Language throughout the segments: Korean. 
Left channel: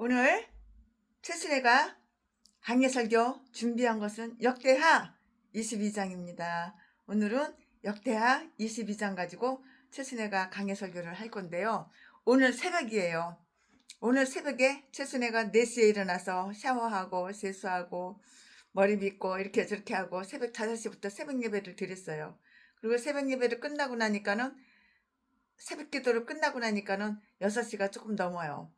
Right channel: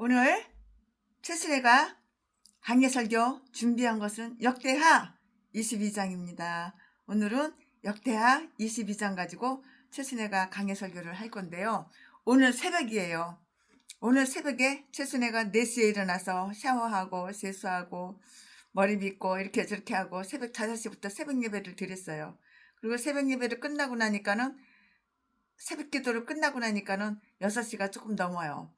오늘 최순애가 강해설교 준비한 것은 역대하 22장입니다. 오늘은 역대하 22장 가지고 최순애가 강해설교를 할 건데요. 오늘 새벽이에요. 오늘 새벽에 최순애가 4시에 일어나서 샤워하고 세수하고 머리 빗고 이렇게 저렇게 하고 새벽 5시부터 새벽 예배를 드렸어요. 그리고 새벽 예배를 끝나고 나니까는 새벽 기도를 끝나고 나니까는 6시가 조금 넘어요.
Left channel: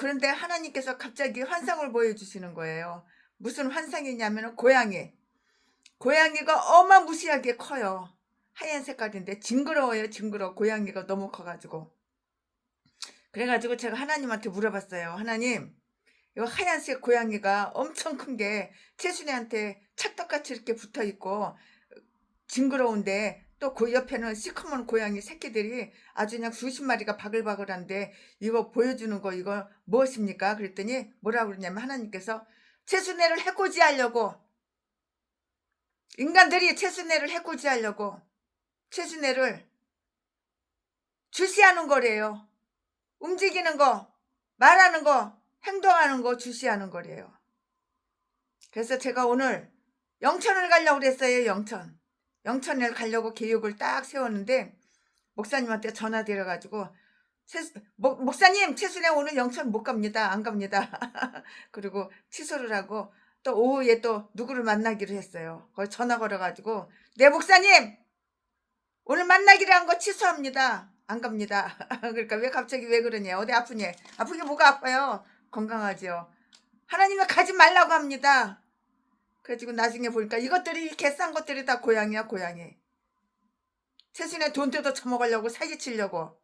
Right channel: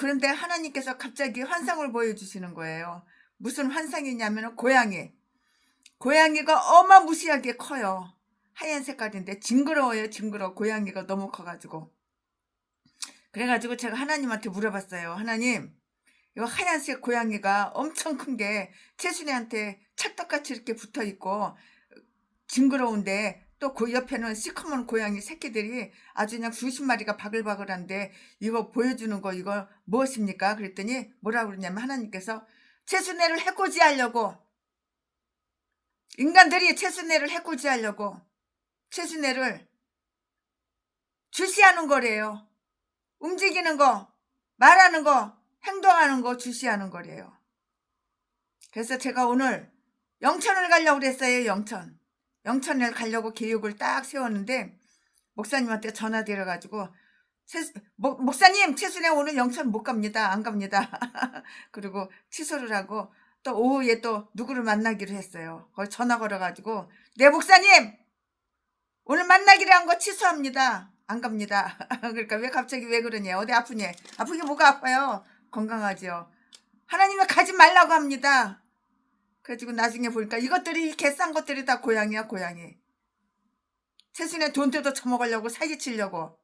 그런데 하나님께서 갑자기 환상을 보여주시는 거예요. 무슨 환상이냐면 고양이가 어마무시하게 커요. 하얀 색깔인데 징그러워요. 징그러워. 고양이가 너무 커가지고. 그래가지고 제가 하나님한테 물어봤어요. 하나님, 이 하얀색 고양이가 엄청 큰 게 최순애한테 찰떡같이 이렇게 붙어있고 징그러운데 또 그 옆에는 시커먼 고양이 새끼들이 아주 그냥 수십 마리가 바글바글한데 이거 보여주는 거 이거 무엇입니까? 그랬더니 뭐라고 그러냐면 하나님께서 최순애를 해코지하려고, 인간들이 최순애를 해코지하려고 최순애를 주시하는 거래요. 움직이는 거, 말하는 거, 행동하는 거 주시하는 거래요. 그래서 제가 오늘 영천을 가려고 그랬어요. 영천을 가려고 계획을 딱 세웠는데 목사님한테 전화 드려가지고 목사님 최순애 오늘 영천 못 갑니다. 안 갑니다. 그리고 취소를 하고 또 오후에 또 누구를 만나기로 했어요. 거기 전화 걸어가지고 네 목사님 오늘 만나기로 한 거 취소합니다. 안 갑니다. 그러니까 왜 갑자기 왜 그러냐, 어디 아프니? 아프게 뭐가 아파요? 건강하죠. 하나님은 가지 말라고 합니다. 그래가지고 나중에 보니까 이것들이 개싼 것들이 다 고양이야. 고양이. 최순애 돈 뜯어 처먹으려고 사기치려고,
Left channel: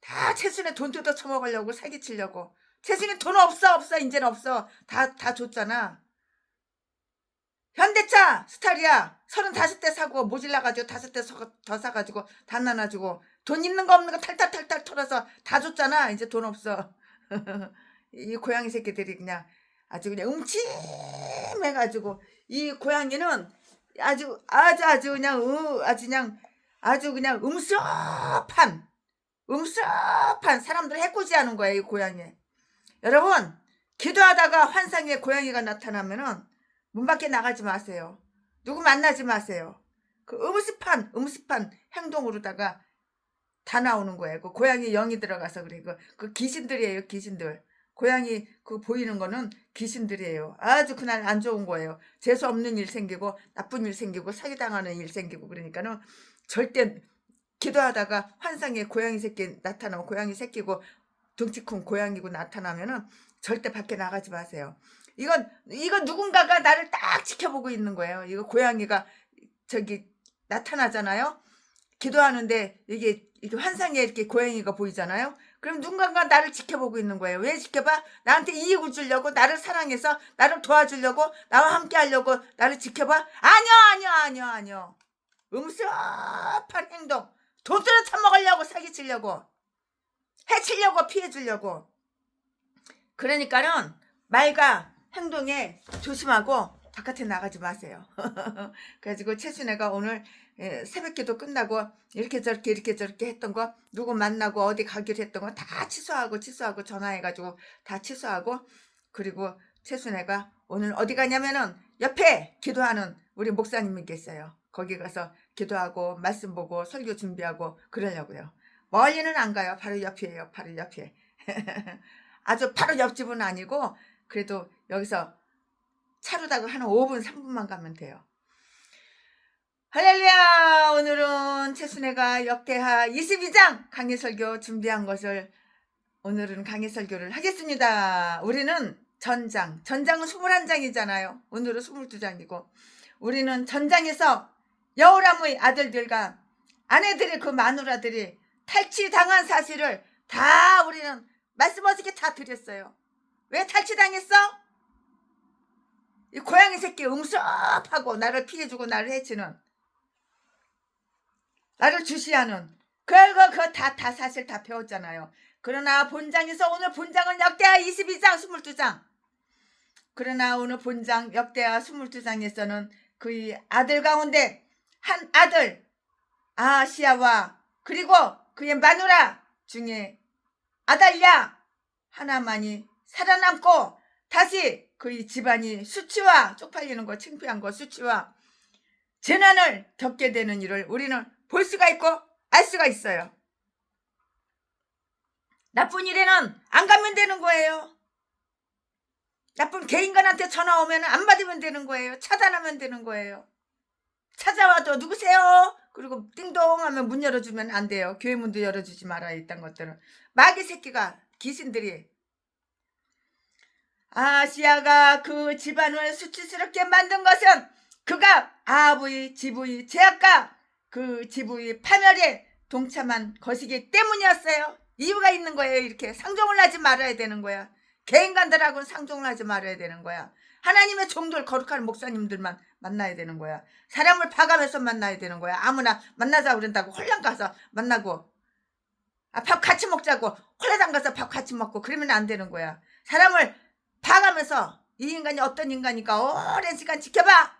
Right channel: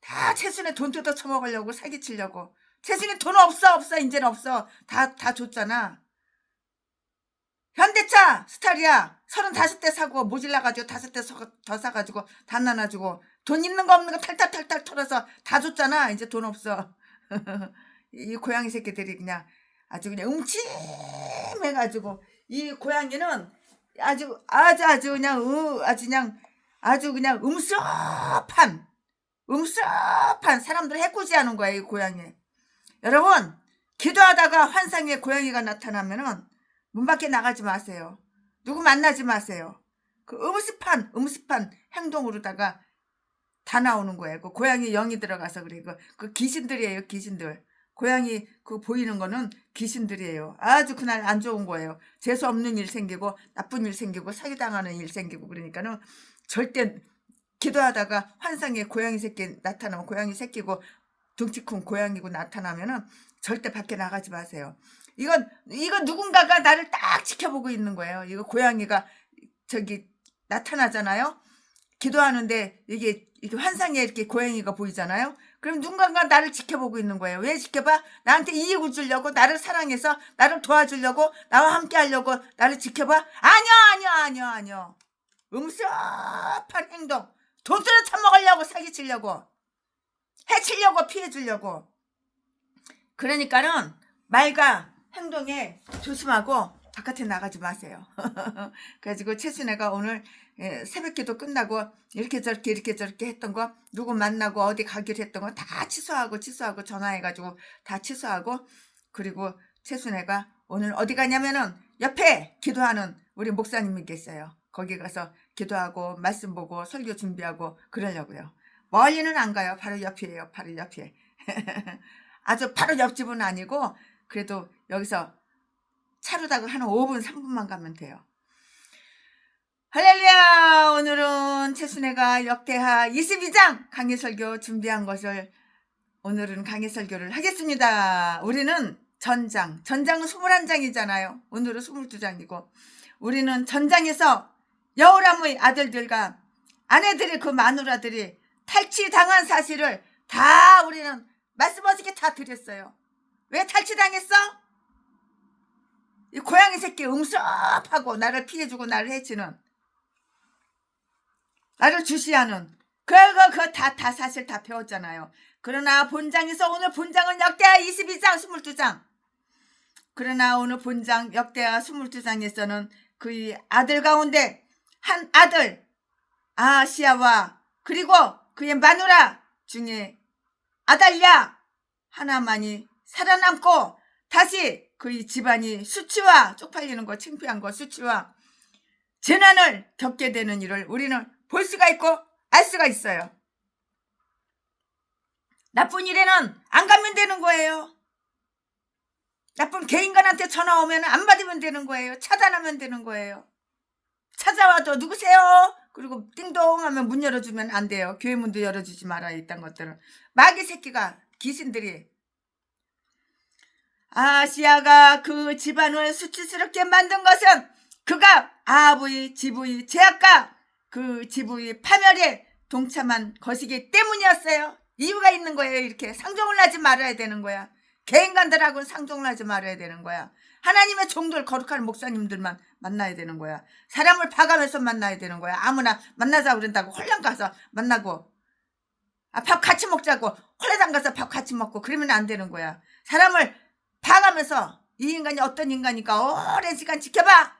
다 최순애 돈 뜯어 처먹으려고 사기치려고. 최순애 돈 없어 이제는 없어. 다 줬잖아. 현대차 스타리아 35대 사고 모질라가지고 5대 더 사가지고 다 나눠주고 돈 있는 거 없는 거 탈탈 털어서 다 줬잖아. 이제 돈 없어. 이 고양이 새끼들이 그냥 아주 그냥 음침해가지고, 이 고양이는 아주 그냥 음습한 사람들 해코지하는 거야. 이 고양이. 여러분, 기도하다가 환상에 고양이가 나타나면은 문 밖에 나가지 마세요. 누구 만나지 마세요. 그 음습한 행동으로다가 다 나오는 거예요. 그 고양이 영이 들어가서 그래. 그 귀신들이에요. 귀신들. 고양이 그 보이는 거는 귀신들이에요. 아주 그날 안 좋은 거예요. 재수 없는 일 생기고 나쁜 일 생기고 사기당하는 일 생기고. 그러니까는 절대 기도하다가 환상에 고양이 새끼 나타나면, 고양이 새끼고 덩치 큰 고양이고 나타나면은 절대 밖에 나가지 마세요. 이건 누군가가 나를 딱 지켜보고 있는 거예요. 이거 고양이가 저기 나타나잖아요. 기도하는데 이게 환상에 이렇게 고양이가 보이잖아요. 그럼 누군가가 나를 지켜보고 있는 거예요. 왜 지켜봐? 나한테 이익을 주려고, 나를 사랑해서 나를 도와주려고, 나와 함께 하려고 나를 지켜봐? 아니요. 음습한 행동. 돈들을 처먹으려고, 사기치려고, 해치려고, 피해주려고. 그러니까는 말과 행동에 조심하고 바깥에 나가지 마세요. 그래가지고 최순애가 오늘 새벽기도 끝나고 이렇게 저렇게 했던 거, 누구 만나고 어디 가기로 했던 거 다 취소하고 전화해가지고 다 취소하고, 그리고 최순애가 오늘 어디 가냐면은 옆에 기도하는 우리 목사님이 계세요. 거기 가서 기도하고 말씀 보고 설교 준비하고 그러려고요. 멀리는 안 가요. 바로 옆이에요. 바로 옆에. 아주 바로 옆집은 아니고 그래도 여기서 차로다가 한 5분 3분만 가면 돼요. 할렐루야. 오늘은 최순애가 역대하 22장 강해설교 준비한 것을, 오늘은 강해설교를 하겠습니다. 우리는 전장은 21장이잖아요. 오늘은 22장이고 우리는 전장에서 여호람의 아들들과 아내들이, 그 마누라들이 탈취당한 사실을 다 우리는 말씀 어저께 다 드렸어요. 왜 탈취당했어? 이 고양이 새끼 음습하고 나를 피해주고 나를 해치는, 나를 주시하는 그거 다 사실 다 배웠잖아요. 그러나 본장에서, 오늘 본장은 역대하 22장 22장. 그러나 오늘 본장 역대하 22장에서는 그의 아들 가운데 한 아들 아하시야와 그리고 그의 마누라 중에 아달랴 하나만이 살아남고 다시 그의 집안이 수치와 쪽팔리는 거, 창피한 거, 수치와 재난을 겪게 되는 일을 우리는 볼 수가 있고 알 수가 있어요. 나쁜 일에는 안 가면 되는 거예요. 나쁜 개인간한테 전화 오면 안 받으면 되는 거예요. 차단하면 되는 거예요. 찾아와도 누구세요? 그리고 띵동 하면 문 열어주면 안 돼요. 교회 문도 열어주지 말아요. 이딴 것들은. 마귀 새끼가, 귀신들이. 아시아가 그 집안을 수치스럽게 만든 것은 그가 아합의 집의 죄악과 그 집의 파멸에 동참한 것이기 때문이었어요. 이유가 있는 거예요. 이렇게 상종을 하지 말아야 되는 거야. 개인간들하고는 상종을 하지 말아야 되는 거야. 하나님의 종들, 거룩한 목사님들만 만나야 되는 거야. 사람을 봐가면서 만나야 되는 거야. 아무나 만나자 그런다고 홀랑 가서 만나고 밥 같이 먹자고 홀라당 가서 밥 같이 먹고 그러면 안 되는 거야. 사람을 봐가면서 이 인간이 어떤 인간인가 오랜 시간 지켜봐.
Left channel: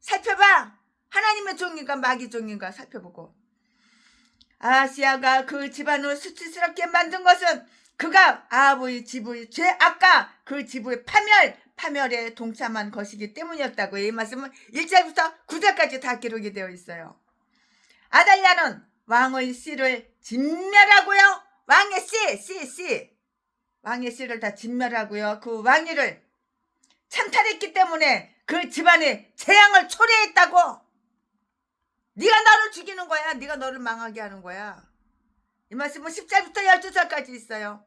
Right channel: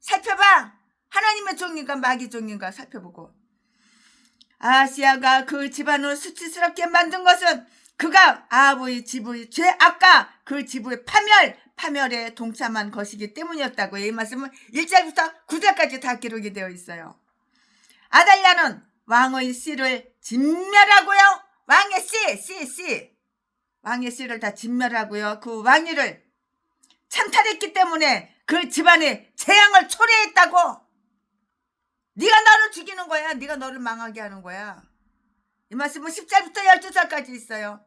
살펴봐. 하나님의 종인가 마귀 종인가 살펴보고. 아시아가 그 집안을 수치스럽게 만든 것은 그가 아합의 집의 죄악과 그 집의 파멸에 동참한 것이기 때문이었다고. 이 말씀은 1절부터 9절까지 다 기록이 되어 있어요. 아달랴는 왕의 씨를 진멸하고요. 왕의 씨 왕의 씨를 다 진멸하고요. 그 왕위를 찬탈했기 때문에 그 집안에 재앙을 초래했다고. 네가 너를 죽이는 거야. 네가 너를 망하게 하는 거야. 이 말씀은 10절부터 12절까지 있어요.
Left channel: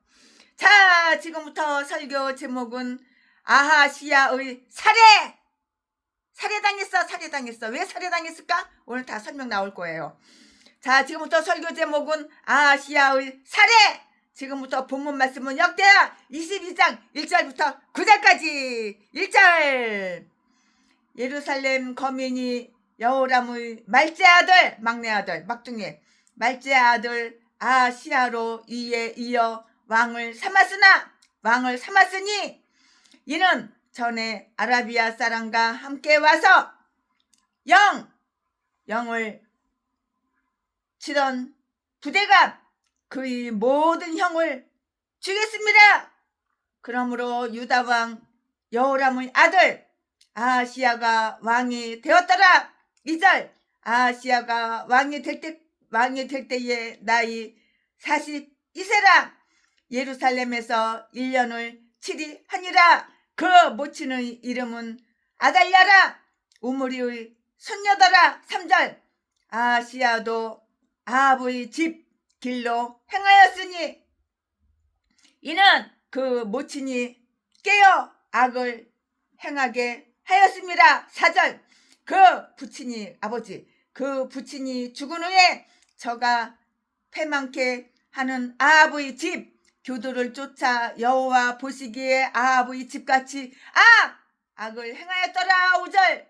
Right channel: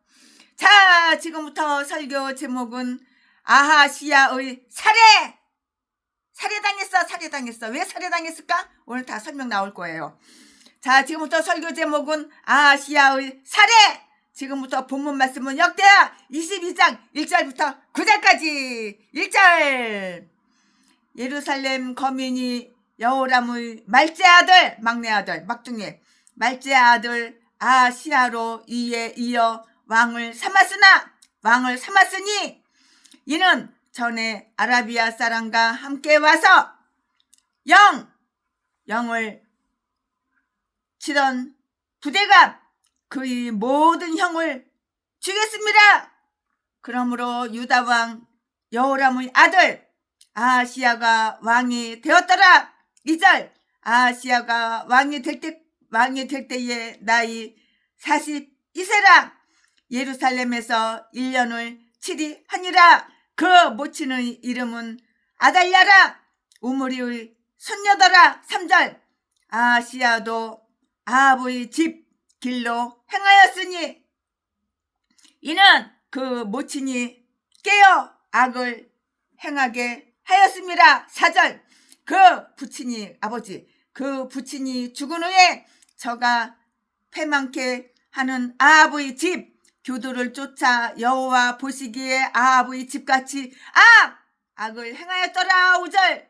자, 지금부터 설교 제목은 아하시야의 살해당했어. 왜 살해당했을까? 오늘 다 설명 나올 거예요. 자, 지금부터 설교 제목은 아하시야의 살해. 지금부터 본문 말씀은 역대하 22장 1절부터 9절까지. 1절. 예루살렘 거민이 여호람의 말째 아들, 막내 아들, 막둥이 말째 아들 아하시야로 이에 이어 왕을 삼았으니 이는 전에 아라비아 사람과 함께 와서 영을 치던 부대가 그의 모든 형을 죽였습니다. 그러므로 유다 왕 여호람의 아들 아하시야가 왕이 되었더라. 2절. 아하시야가 왕이 될 때에 나이 42세라. 예루살렘에서 1년을 치리하니라. 그 모친의 이름은 아달랴라. 우므리의 손녀더라. 3절. 아하시야도 아합의 집 길로 행하였으니 이는 그 모친이 깨어 악을 행하게 하였습니다. 4절. 그 부친이 죽은 후에 저가 패망케 하는 아합의 집 교도를 쫓아 여호와 보시기에 아합의 집같이 악을 행하였더라. 5절.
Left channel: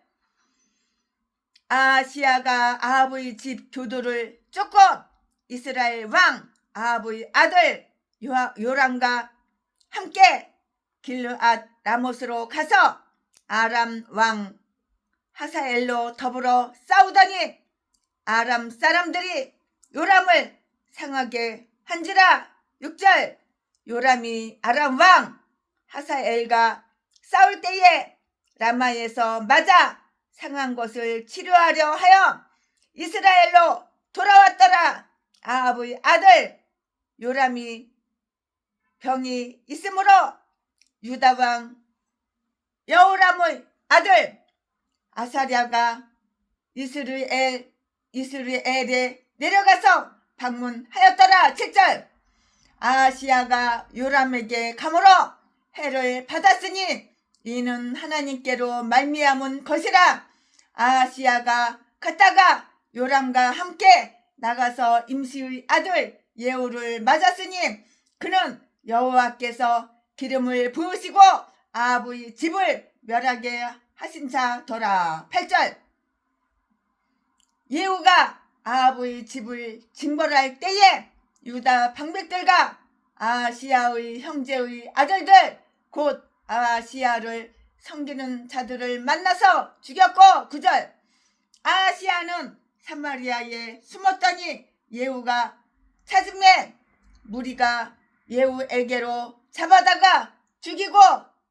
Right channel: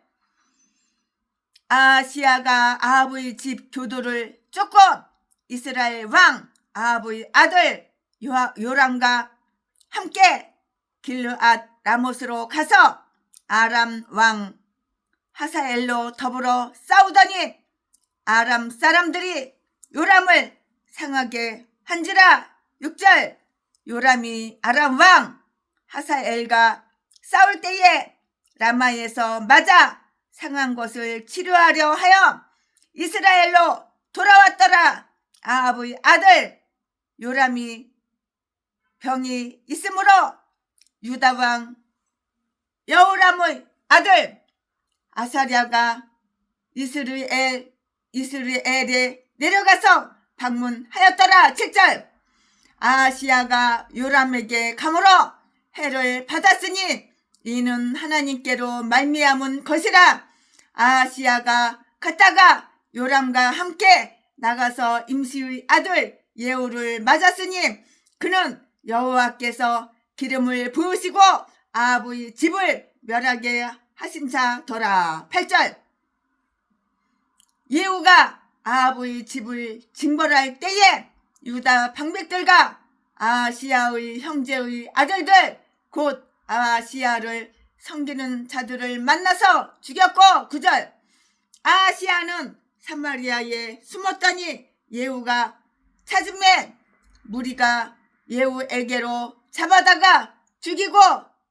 아하시야가 아합의 집 교도를 쫓고 이스라엘 왕 아합의 아들 요람과 함께 길르앗 라못으로 가서 아람 왕 하사엘로 더불어 싸우더니 아람 사람들이 요람을 상하게 한지라. 6절. 요람이 아람 왕 하사엘과 싸울 때에 라마에서 맞아 상한 것을 치료하려 하여 이스라엘로 돌아왔더라. 아합의 아들 요람이 병이 있으므로 유다 왕 여호람의 아들 아사랴가 이스라엘에 내려가서 방문하였더라. 7절. 아하시야가 요람에게 감으로 해를 받았으니 이는 하나님께로 말미암은 것이라. 아하시야가 갔다가 요람과 함께 나가서 임시의 아들 예후를 맞았으니 그는 여호와께서 기름을 부으시고 아합의 집을 멸하게 하심사더라. 8절. 예후가 아합의 집을 징벌할 때에 유다 방백들과 아하시야의 형제의 아들들 곧 아하시야를 섬기는 자들을 만나서 죽였고. 9절. 아하시야는 사마리아에 숨었더니 예후가 찾음에 무리가 예후에게로 잡아다가 죽이고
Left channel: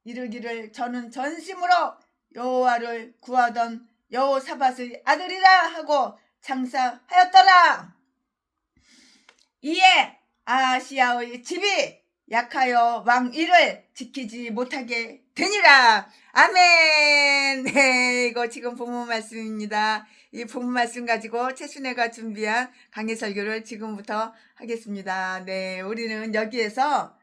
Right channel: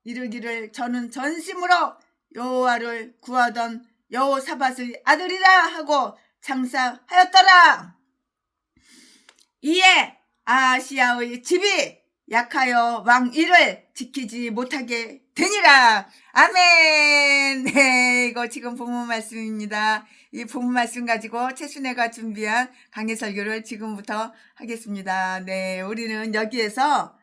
이르기를 저는 전심으로 여호와를 구하던 여호사밧의 아들이라 하고 장사하였더라. 이에 아하시야의 집이 약하여 왕 일을 지키지 못하게 되니라. 아멘. 네, 이거 지금 본문 말씀입니다. 이 본문 말씀 가지고 최순애가 준비한 강해 설교를 지금부터 하겠습니다. 네, 우리는 여기에서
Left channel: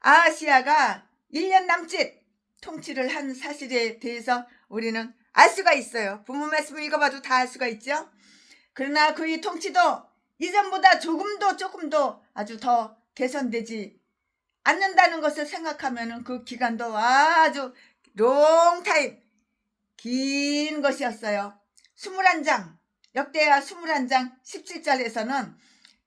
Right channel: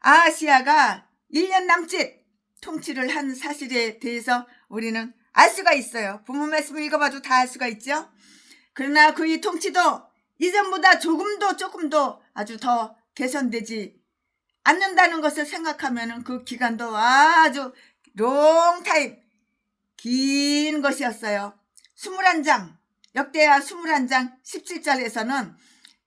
아하시야가 1년 남짓 통치를 한 사실에 대해서 우리는 알 수가 있어요. 본문 말씀을 읽어봐도 다 알 수가 있죠. 그러나 그의 통치도 이전보다 조금도 아주 더 개선되지 않는다는 것을 생각하면 그 기간도 아주 롱타임 긴 것이었어요. 21장 역대하 21장 17절에서는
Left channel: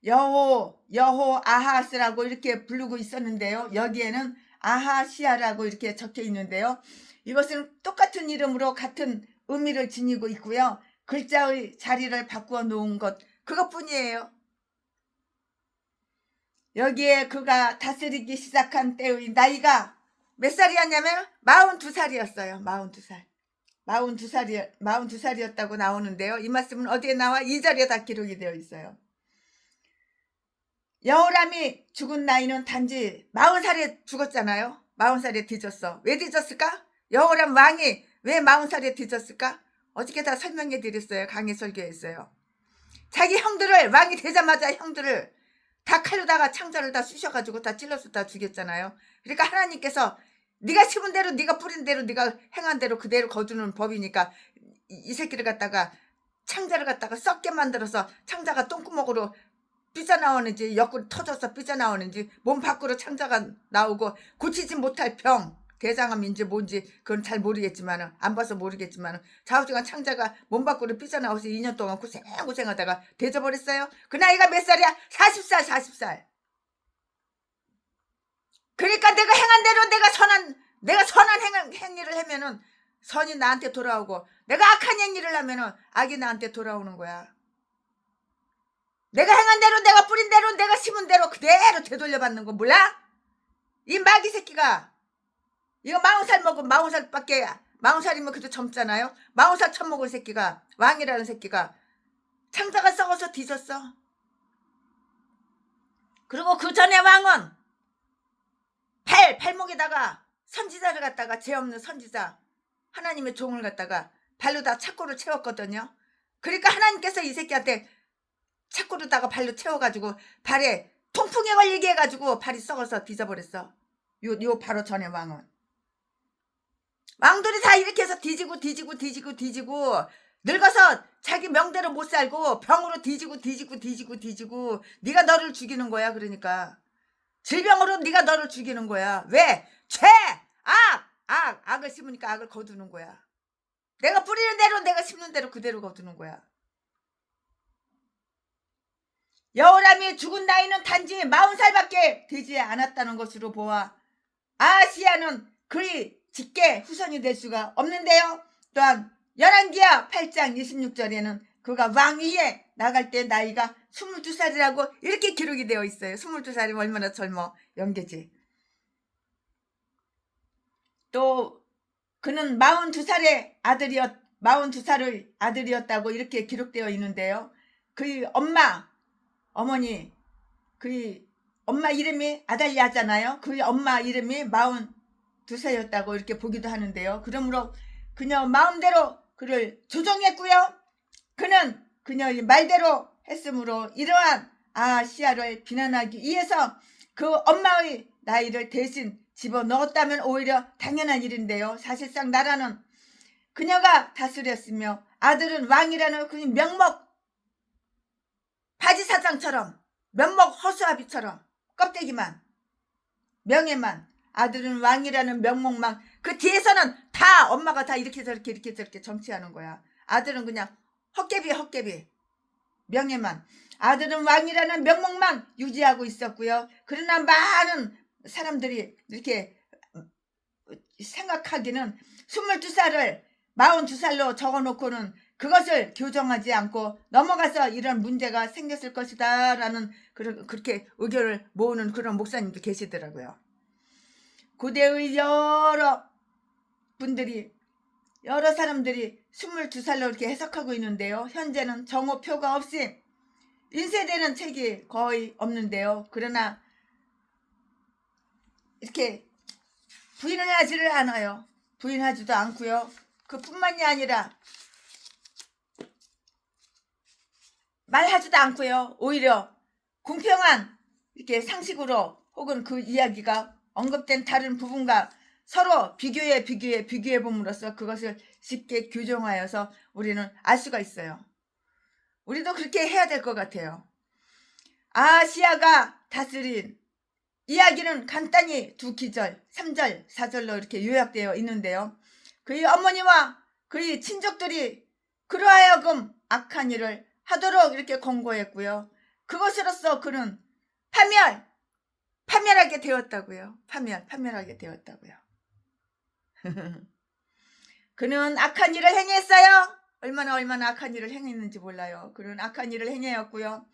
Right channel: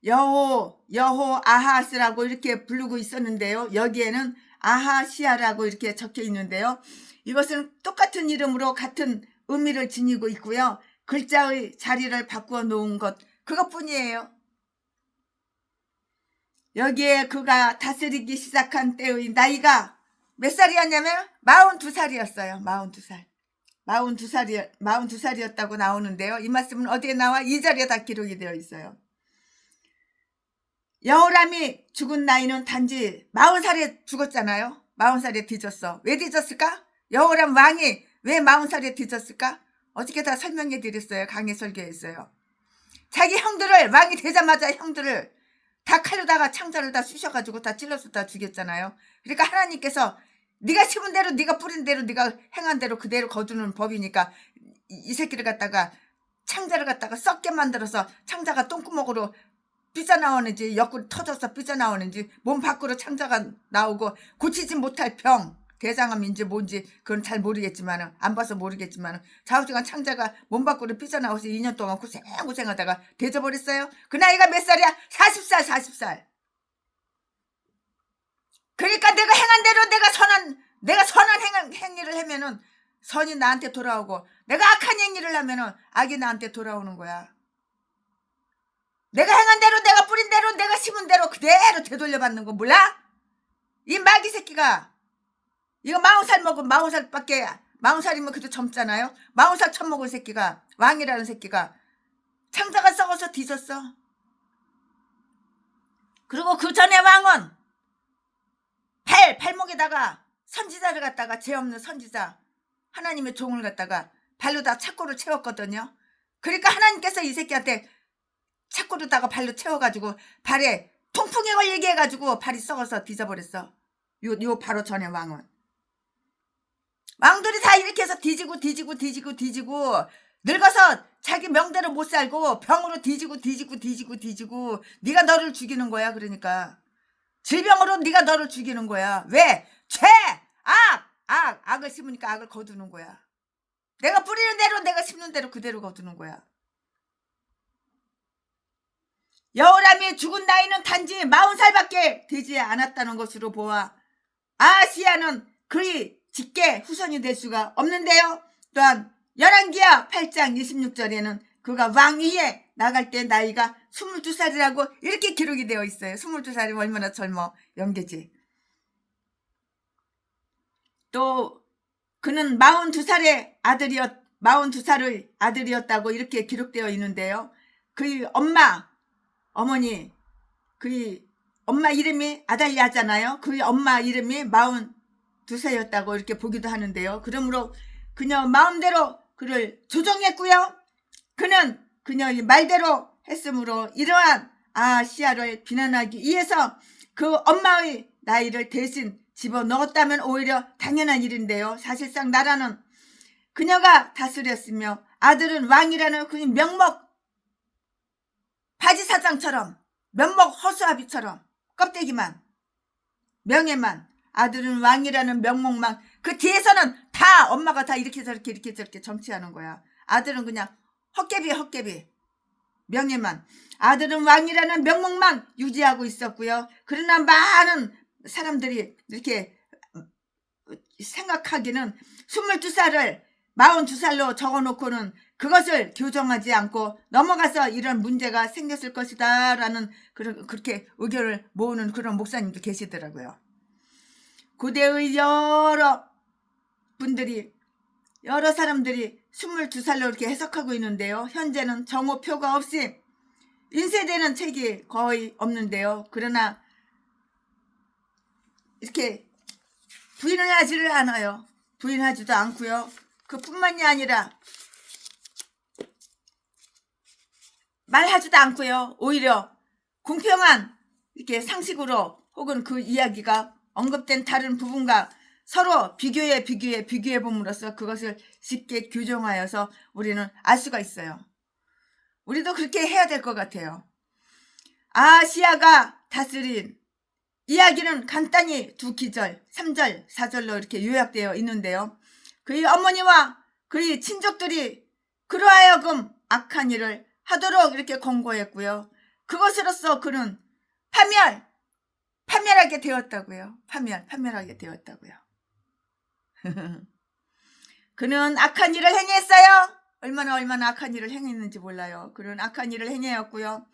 여호 아하스라고 이렇게 부르고 있었는데요. 여기에는 아하시야라고 이렇게 적혀 있는데요. 이것은 똑같은 이름으로 같은 의미를 지니고 있고요. 글자의 자리를 바꾸어 놓은 것 그것뿐이에요. 여기에 그가 다스리기 시작한 때의 나이가 몇 살이었냐면 42살이었어요. 42살이었다고 나오는데요. 이 말씀은 어디에 나와? 2절에 다 기록이 되어 있어요. 여호람이 죽은 나이는 단지 40살에 죽었잖아요. 40살에 뒤졌어. 왜 뒤졌을까? 여호람 왕이 왜 40살에 뒤졌을까? 어떻게 다 설명해 드렸어요. 강의 설교했어요. 자기 형들을 왕이 되자마자 형들을 다 칼로다가 창자를 다 쑤셔가지고 다 찔러서 다 죽였잖아요. 그러니까 하나님께서 네가 심은 대로 네가 뿌린 대로 네가 행한 대로 그대로 거두는 법이니까 이 새끼를 갖다가 창자를 갖다가 썩게 만들어서 창자가 똥구멍으로 삐져나오는지 옆구리 터져서 삐져나오는지 몸 밖으로 창자가 나오고 고치지 못할 병 대장암인지 뭔지 그건 잘 모르겠지만 안 봐서 모르겠지만 좌우지간 창자가 몸 밖으로 삐져나와서 2년 동안 고생하다가 되져버렸어요. 그 나이가 몇 살이야? 40살. 그러니까 내가 행한 대로 내가 선한 행위를 하면은 선이 나한테 돌아오고 내가 악한 행위를 하면은 악이 나한테 돌아오는 거야. 내가 행한 대로 내가 뿌린 대로 내가 심은 대로 그대로 되돌려받는 거 몰라? 이 마귀 새끼가 이거 40살 먹은 40살이면 그래도 젊잖아요. 40살 처먹은 새끼가 왕이라는 새끼가 창자가 썩어서 뒤졌어. 그리고 그 전에 왕은 발목에다가 선지자를 갖다가 죄 없는 선지자 하나님의 종을 갖다가 발로 다 착고를 채웠거든요. 그러니까 하나님께서 이 새끼한테 착고로다가 발로 채워가지고 발에 통풍에 걸리게 해가지고 발이 썩어서 뒤져버렸어. 요 바로 전에 왕들이 다 이렇게 해서 뒤지고 늙어서 자기 명대로 못 살고 병으로 뒤지고 네가 너를 죽이는 거야. 그러니까 질병으로 네가 너를 죽이는 거야. 왜? 죄! 악을 심으니까 악을 거두는 거야. 내가 뿌리는 대로 내가 심는 대로 그대로 거두는 거야. 여호람이 죽은 나이는 단지 40살밖에 되지 않았다는 것으로 보아 아하시야는 그의 직계 후손이 될 수가 없는데요. 또한 열왕기하 8장 26절에는 그가 왕위에 나갈 때 나이가 22살이라고 이렇게 기록이 되어 있어요. 22살이면 얼마나 젊어 연계지. 또 그는 42살의 아들이었다고 이렇게 기록되어 있는데요. 그의 어머니 그의 엄마 이름이 아달리아잖아요. 그의 엄마 이름이 42살이었다고 이렇게 보기도 하는데요. 그러므로 그녀 마음대로 그를 조종했고요. 그는 그녀의 말대로 했으므로 이러한 아하시야를 비난하기 위해서 그 엄마의 나이를 대신 집어넣었다면 오히려 당연한 일인데요. 사실상 나라는 그녀가 다스렸으며 아들은 왕이라는 그 명목 바지사장처럼 면목 허수아비처럼 껍데기만 명예만 아들은 왕이라는 명목만 그 뒤에서는 다 엄마가 다 이렇게 저렇게 정치하는 거야. 아들은 그냥 헛개비 명예만 아들은 왕이라는 명목만 유지하고 있었고요. 그러나 많은 사람들이 이렇게 생각하기는 22살을 42살로 적어놓고는 그것을 교정하지 않고 넘어가서 이런 문제가 생겼을 것이다 라는 그렇게 의견을 모으는 그런 목사님도 계시더라고요. 고대의 여러 사람들이 22살로 이렇게 해석하고 있는데요. 현재는 정오표가 없이 인쇄되는 책이 거의 없는데요. 그러나 이렇게 부인을 하지를 않아요. 부인하지도 않고요. 그뿐만이 아니라 말하지도 않고요. 오히려 공평한 이렇게 상식으로 혹은 그 이야기가 언급된 다른 부분과 서로 비교해 봄으로써 그것을 쉽게 규정하여서 우리는 알 수가 있어요. 우리도 그렇게 해야 될 것 같아요. 아시아가 다스린 이야기는 간단히 2기절, 3절, 4절로 이렇게 요약되어 있는데요. 그의 어머니와 그의 친족들이 그러하여금 악한 일을 하도록 이렇게 권고했고요. 그것으로서 그는 파멸하게 되었다고요. 파멸하게 되었다고요. 그는 악한 일을 행했어요. 얼마나 악한 일을 행했는지 몰라요. 그는 악한 일을 행했고요.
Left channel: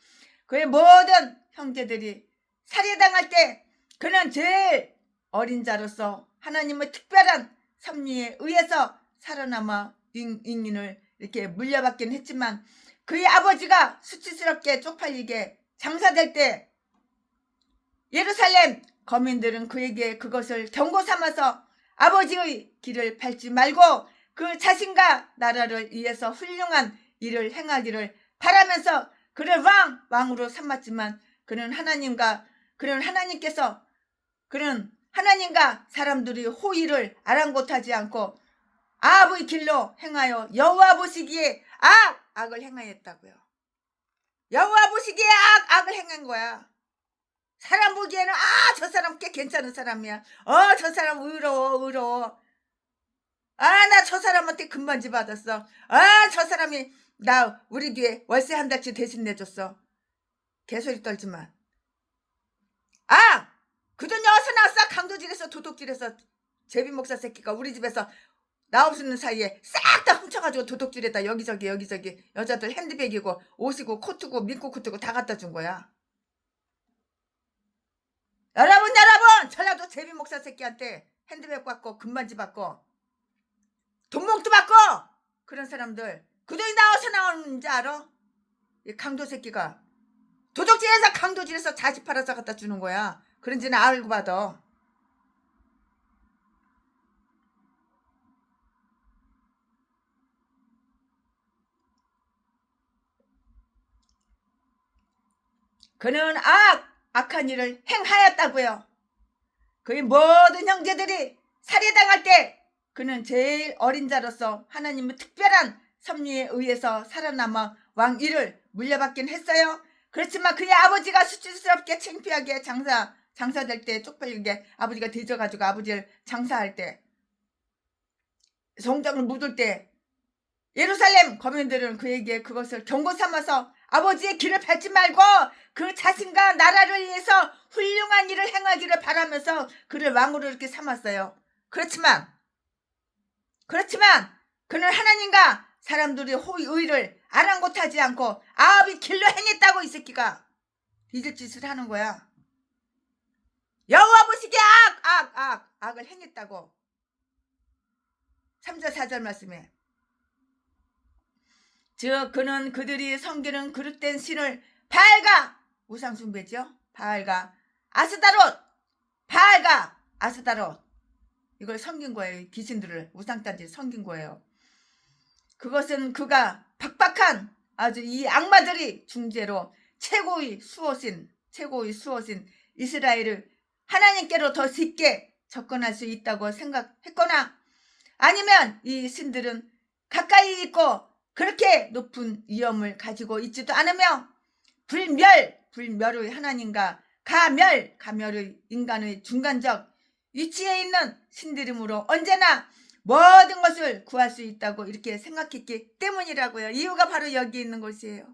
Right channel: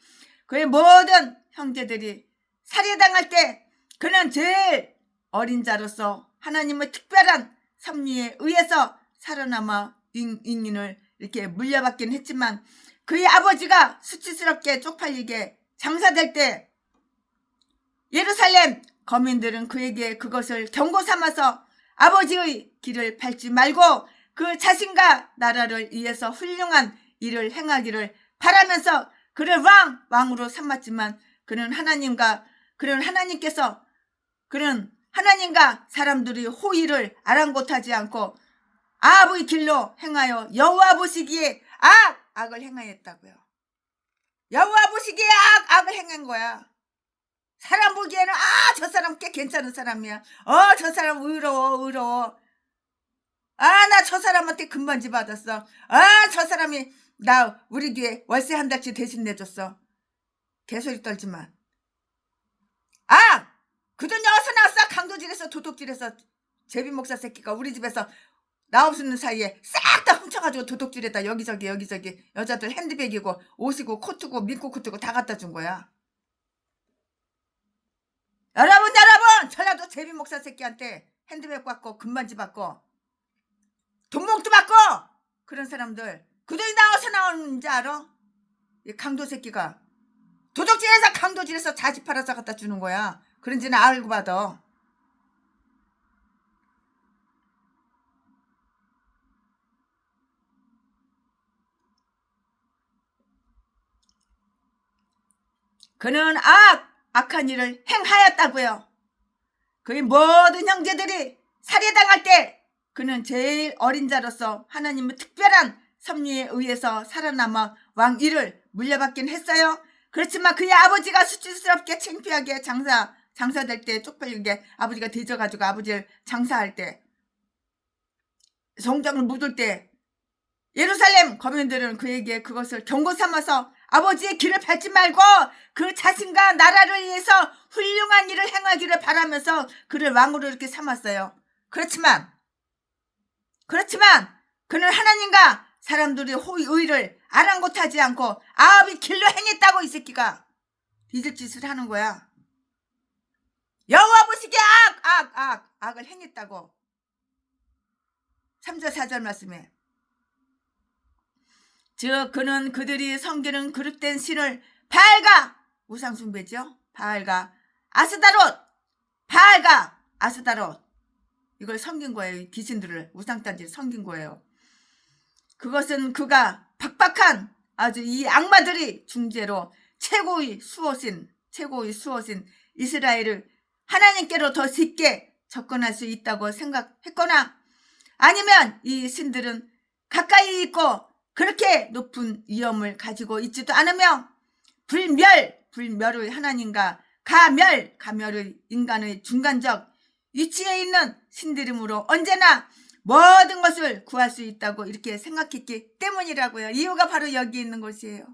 그의 모든 형제들이 살해당할 때 그는 제일 어린 자로서 하나님의 특별한 섭리에 의해서 살아남아 인인을 이렇게 물려받긴 했지만 그의 아버지가 수치스럽게 쪽팔리게 장사될 때 예루살렘 거민들은 그에게 그것을 경고 삼아서 아버지의 길을 밟지 말고 그 자신과 나라를 위해서 훌륭한 일을 행하기를 바라면서 그를 왕으로 삼았지만 그는 하나님과 사람들이 호의를 아랑곳하지 않고 아합의 길로 행하여 여호와 보시기에 악을 행하였다고요. 여호와 보시기에 악을 행한 거야. 사람 보기에는 저 사람 꽤 괜찮은 사람이야. 저 사람 의로워. 나 저 사람한테 금반지 받았어. 저 사람이 우리 교회 월세 한 달치 대신 내줬어. 개소리 떨지만 그 돈 어디서 나왔어? 강도질에서 도둑질해서 제비 목사 새끼가 우리 집에서 나 없는 사이에 싹 다 훔쳐가지고 도둑질에다 여기저기 여자들 핸드백이고 옷이고 코트고 민코 코트고 다 갖다 준 거야. 여러분 전라도 제비 목사 새끼한테 핸드백 받고 금반지 받고 돈봉투 받고 그런 사람들 그 돈이 나와서 나오는지 알아? 이 강도 새끼가 도둑질해서 강도질해서 자지 팔아서 갖다 주는 거야. 그런지는 알고 받아. 그는 악한 일을 행하였다고요. 그의 모든 형제들이 살해당할 때 그는 제일 어린 자로서 하나님의 특별한 섭리에 의해서 살아남아 왕위를 물려받긴 했어요. 그렇지만 그의 아버지가 수치스럽게 창피하게 장사될 때 쪽팔리게 아버지가 뒤져가지고 아버지를 장사할 때 성장을 묻을 때 예루살렘 거민들은 그에게 그것을 경고 삼아서 아버지의 길을 밟지 말고 그 자신과 나라를 위해서 훌륭한 일을 행하기를 바라면서 그를 왕으로 이렇게 삼았어요. 그렇지만 그는 하나님과 사람들의 의를 아랑곳하지 않고 아합의 길로 행했다고. 이 새끼가 뒤질 짓을 하는 거야. 여호와 보시기에 악을 행했다고. 3절 4절 말씀에 즉 그는 그들이 섬기는 그릇된 신을 바알과 우상숭배죠. 바알과 아스다롯 이걸 섬긴 거예요. 귀신들을 우상단지를 섬긴 거예요. 그것은 그가 박박한 아주 이 악마들이 중재로 최고의 수호신 이스라엘을 하나님께로 더 쉽게 접근할 수 있다고 생각했거나 아니면 이 신들은 가까이 있고 그렇게 높은 위엄을 가지고 있지도 않으며 불멸의 하나님과 가멸의 인간의 중간적 위치에 있는 신들이므로 언제나 모든 것을 구할 수 있다고 이렇게 생각했기 때문이라고요. 이유가 바로 여기 있는 것이에요.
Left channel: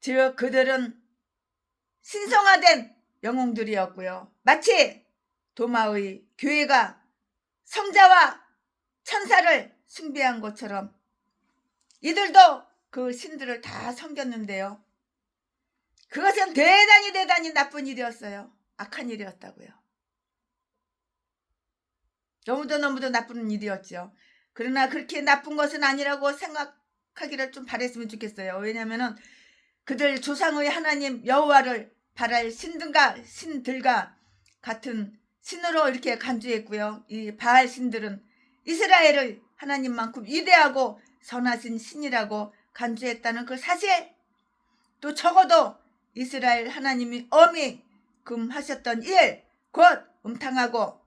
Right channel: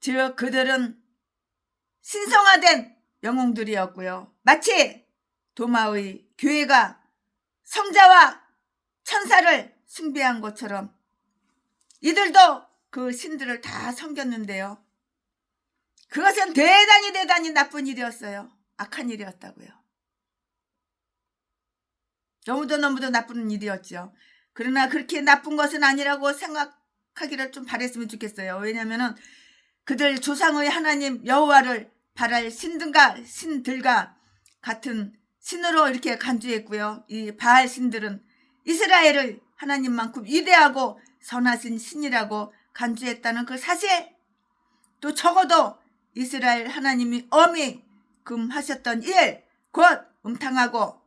즉 그들은 신성화된 영웅들이었고요. 마치 도마의 교회가 성자와 천사를 숭배한 것처럼 이들도 그 신들을 다 섬겼는데요. 그것은 대단히 나쁜 일이었어요. 악한 일이었다고요. 너무도 나쁜 일이었죠. 그러나 그렇게 나쁜 것은 아니라고 생각하기를 좀 바랬으면 좋겠어요. 왜냐하면 그들 조상의 하나님 여호와를 바랄 신들과 같은 신으로 이렇게 간주했고요. 이 바알 신들은 이스라엘의 하나님만큼 위대하고 선하신 신이라고 간주했다는 그 사실, 또 적어도 이스라엘 하나님이 엄히 금하셨던 일, 곧 음탕하고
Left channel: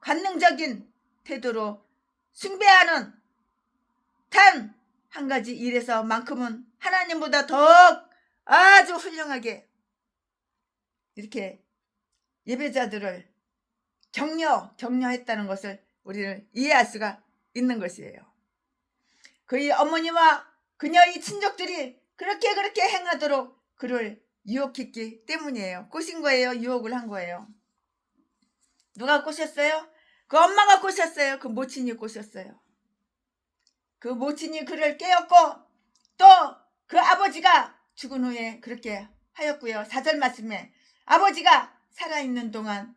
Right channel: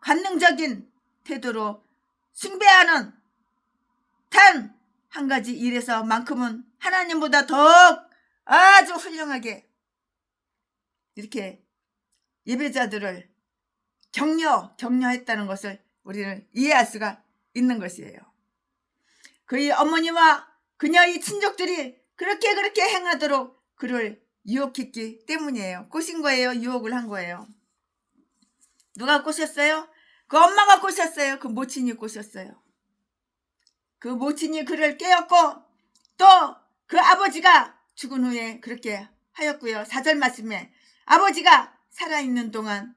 관능적인 태도로 숭배하는 단 한 가지 일에서만큼은 하나님보다 더욱 아주 훌륭하게 이렇게 예배자들을 격려했다는 것을 우리는 이해할 수가 있는 것이에요. 그의 어머니와 그녀의 친족들이 그렇게 행하도록 그를 유혹했기 때문이에요. 꼬신 거예요. 유혹을 한 거예요. 누가 꼬셨어요? 그 엄마가 꼬셨어요. 그 모친이 꼬셨어요. 그 모친이 그를 깨웠고, 또 그 아버지가 죽은 후에 그렇게 하였고요. 4절 말씀에 아버지가 살아있는 동안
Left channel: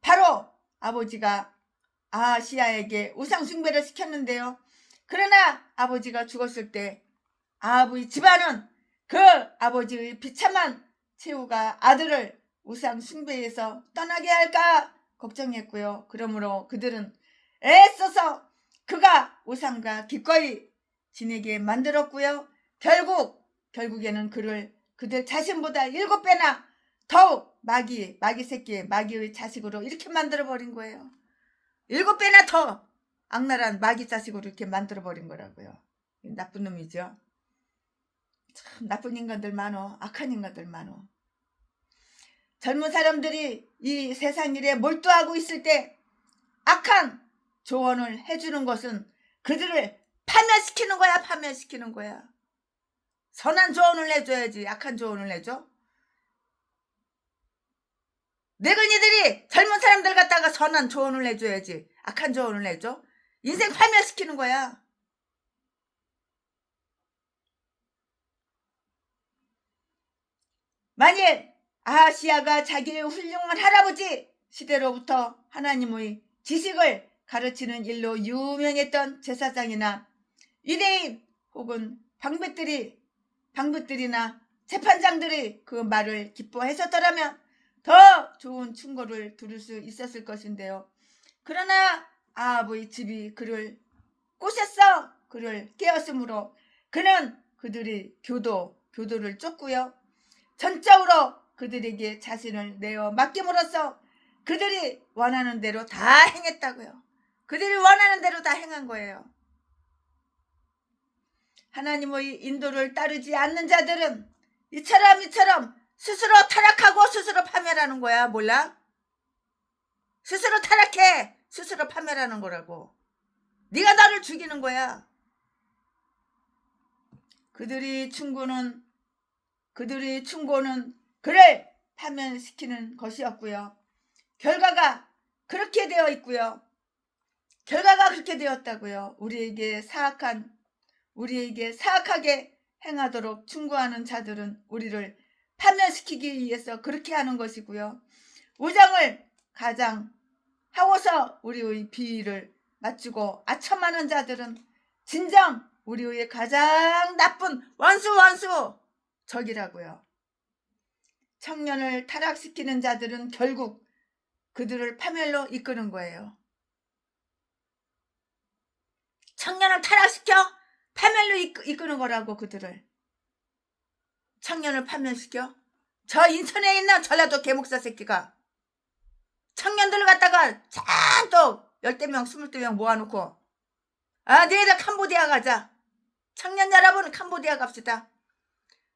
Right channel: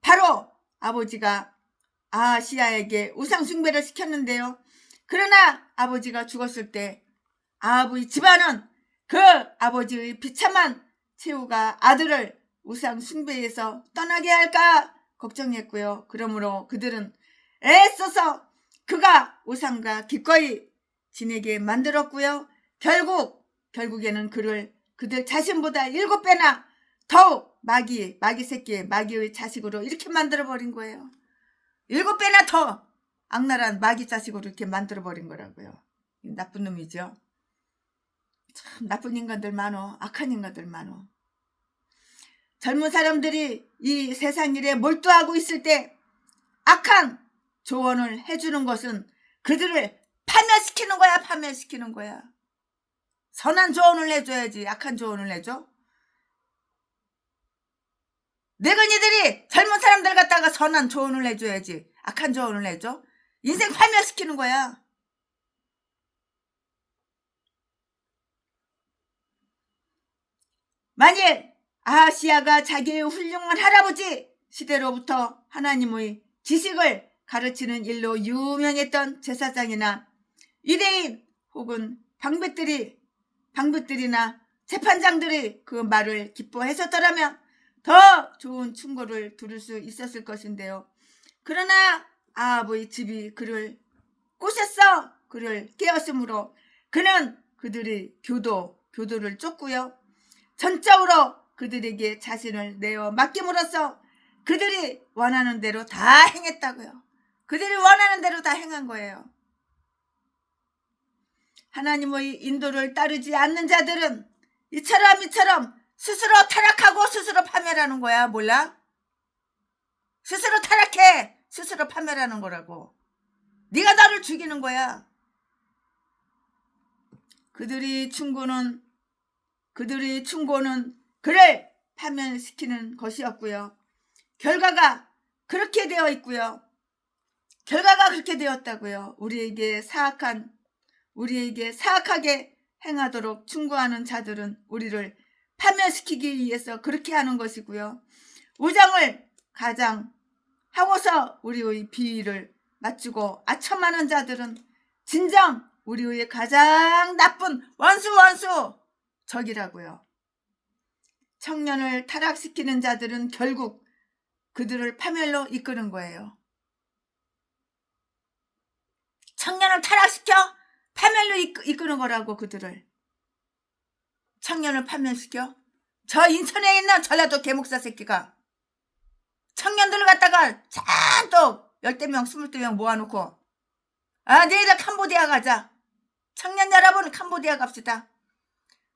바로 아버지가 아하시야에게 우상 숭배를 시켰는데요. 그러나 아버지가 죽었을 때 아합의 집안은 그 아버지의 비참한 최후가 아들을 우상 숭배에서 떠나게 할까 걱정했고요. 그러므로 그들은 애써서 그가 우상과 기꺼이 지내게 만들었고요. 결국에는 그들 자신보다 7배나 더욱 마귀의 자식으로 이렇게 만들어버린 거예요. 7배나 더 악랄한 마귀 자식으로 이렇게 만들어버린 거라고요. 나쁜 놈이죠. 참 나쁜 인간들 많어. 악한 인간들 많어. 젊은 사람들이 이 세상 일에 몰두하고 있을 때 악한 조언을 해주는 것은 그들을 파멸시키는 거야. 선한 조언을 해줘야지 악한 조언을 해줘? 늙은이들이 젊은 사람들 갖다가 선한 조언을 해줘야지 악한 조언을 해줘? 인생 파멸시키는 거야. 만일 아하시야가 자기의 훌륭한 할아버지 시대로부터 하나님의 지식을 가르치는 일로 유명했던 제사장이나 유대인 혹은 방백들이나 재판장들이 그 말을 기뻐했었더라면 더 좋은 충고를 들을 수 있었을 것인데요. 그러나 아합의 집이 그를 꼬셨어. 그를 깨었으므로 그는 그들이 교도를 쫓고요. 전적으로 그들에게 자신을 내어 맡김으로써 그들이 원하는 대로 다 행했다고요. 그들이 원하는 대로 다 행한 거예요. 하나님의 인도를 따르지 않는 자들은 이처럼 스스로 타락하고 스스로 파멸하는 거야. 몰라? 스스로 타락해 스스로 파멸하는 거라고. 네가 나를 죽이는 거야. 그들의 충고는 그를 파멸시키는 것이었고요. 결과가 그렇게 되어 있고요. 결과가 그렇게 되었다고요. 우리에게 사악하게 행하도록 충고하는 자들은 우리를 파멸시키기 위해서 그렇게 하는 것이고요. 우정을 가장하고서 우리의 비위를 맞추고 아첨하는 자들은 진정 우리의 가장 나쁜 원수 적이라고요. 청년을 타락시키는 자들은 결국 그들을 파멸로 이끄는 거예요. 청년을 타락시켜 파멸로 이끄는 거라고. 그들을 청년을 파멸시켜. 저 인천에 있는 전라도 개목사 새끼가 청년들을 갖다가 잔뜩 10명 20명 모아놓고 내일 캄보디아 가자. 청년 여러분 캄보디아 갑시다.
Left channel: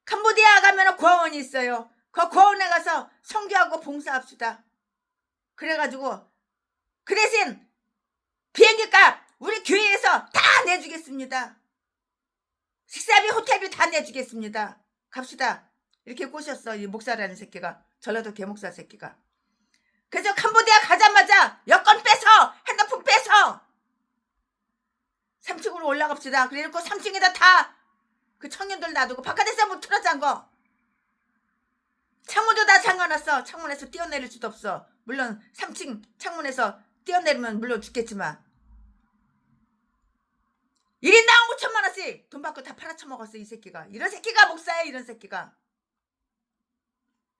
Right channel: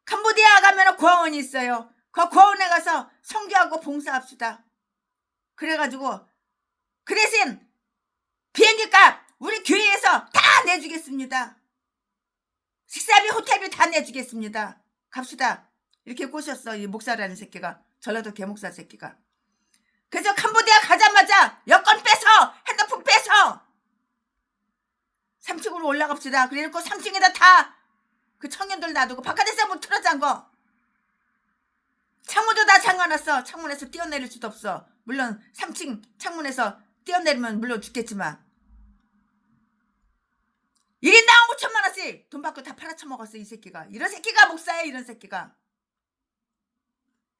캄보디아 가면 고아원이 있어요. 그 고아원에 가서 선교하고 봉사합시다. 그래가지고 그 대신 비행기값 우리 교회에서 다 내주겠습니다. 식사비 호텔비 다 내주겠습니다. 갑시다. 이렇게 꼬셨어. 이 목사라는 새끼가. 전라도 개목사 새끼가. 그래서 캄보디아 가자마자 여권 빼서 핸드폰 빼서 3층으로 올라갑시다. 그래놓고 3층에다 다 그 청년들 놔두고 바깥에서 문 틀어잔 거. 화났어. 창문에서 뛰어내릴 수도 없어. 물론 3층 창문에서 뛰어내리면 물론 죽겠지만 1인당 5천만 원씩 돈 받고 다 팔아쳐먹었어. 이 새끼가. 이런 새끼가 목사야. 이런 새끼가.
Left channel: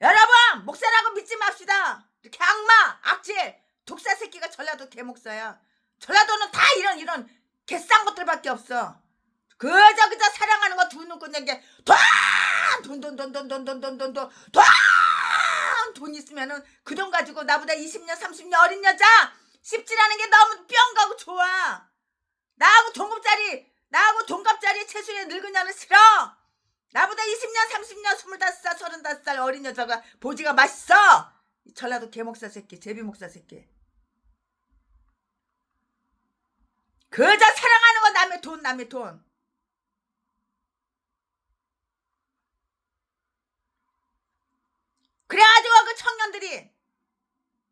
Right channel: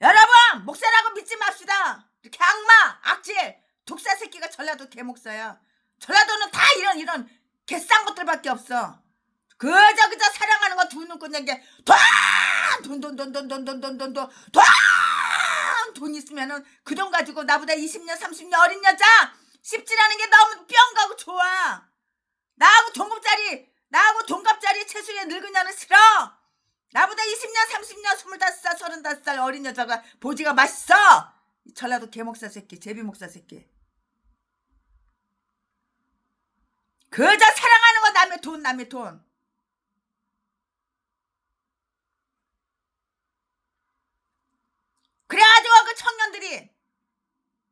여러분 목사라고 믿지 맙시다. 이렇게 악마 악질 독사 새끼가 전라도 개목사야. 전라도는 다 이런 개싼 것들밖에 없어. 그저 사랑하는 거 두 눈 끊는 게 돈 있으면은 그 돈 가지고 나보다 20년 30년 어린 여자 씹질하는 게 너무 뿅 가고 좋아. 나하고 동갑짜리 채수의 늙은 년은 싫어. 나보다 20년 30년 25살 35살 어린 여자가 보지가 맛있어. 전라도 개목사 새끼 제비목사 새끼. 그저 사랑하는 거 남의 돈. 그래가지고 그 청년들이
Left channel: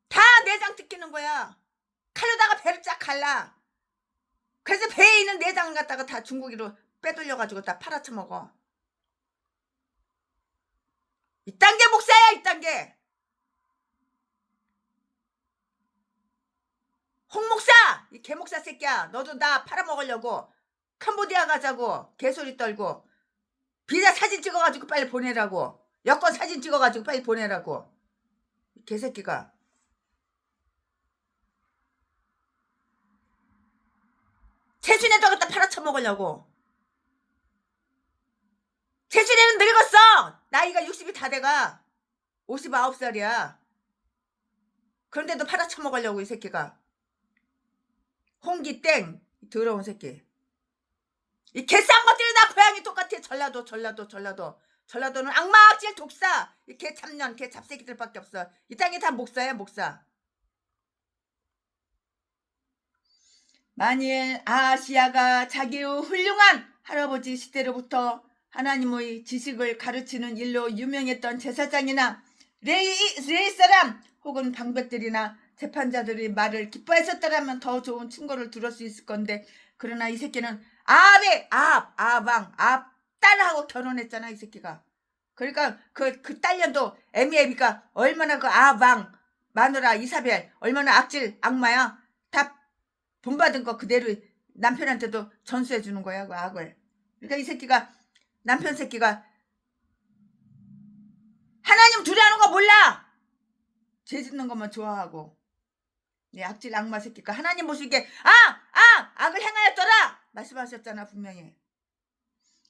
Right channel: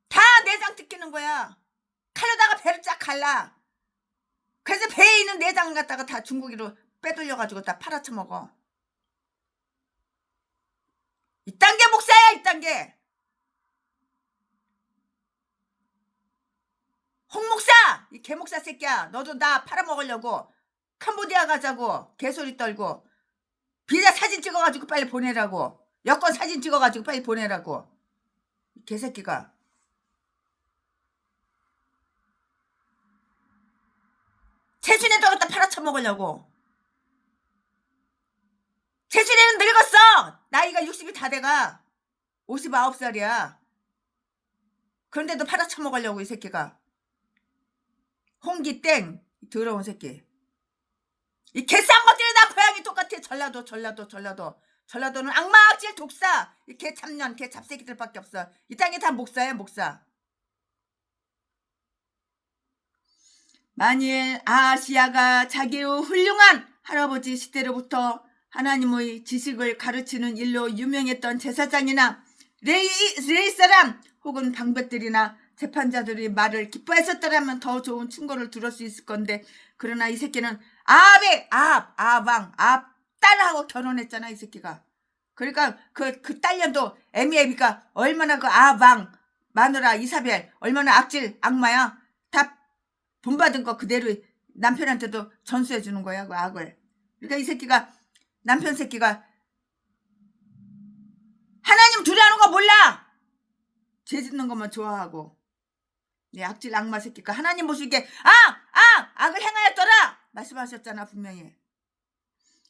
다 내장 뜯기는 거야. 칼로다가 배를 쫙 갈라. 그래서 배에 있는 내장을 갖다가 다 중고기로 빼돌려가지고 다 팔아쳐먹어. 이딴 게 목사야. 이딴 게. 홍목사 이 개목사 새끼야. 너도 나 팔아먹으려고 캄보디아 가자고 개소리 떨고 비자 사진 찍어가지고 빨리 보내라고. 여권 사진 찍어가지고 빨리 보내라고. 개새끼가. 채순이도 갖다 팔아쳐먹으려고. 채순이는 늙었어. 나이가 60이 다 돼가. 59살이야. 그런데도 팔아쳐먹으려고 이 새끼가. 홍기땡 더러운 새끼. 이 개싼 것들이 다 고양이 똑같아. 전라도는 악마 악질 독사. 이 개참년 개잡새끼들밖에 없어. 이 땅에 다 목사야 목사. 만일 아시아가 자기의 훌륭한 할아버지 시대로부터 하나님의 지식을 가르치는 일로 유명했던 제사장이나 레이 사람 혹은 방백들이나 재판자들이 말을 기뻐했었더라면 더 좋은 충고를 들을 수 있을 건데, 그러나 이 새끼는 딸하고 결혼했잖아 이 새끼가. 그러니까 그 딸년도 애미애비가 얼마나 그 마누라 이사벨 얼마나 악질 악마야. 다 본받은 거 그대로 남편한테도 전수해 주는 거야 그 악을. 그러니까 이 새끼가 남편 새끼가 하나님 두려하는 거 몰라. 죄 짓는 것만 좋아하고. 이 악질 악마 새끼가 하나님 모시게 악을 행하였더라 말씀하셨잖아 분명히.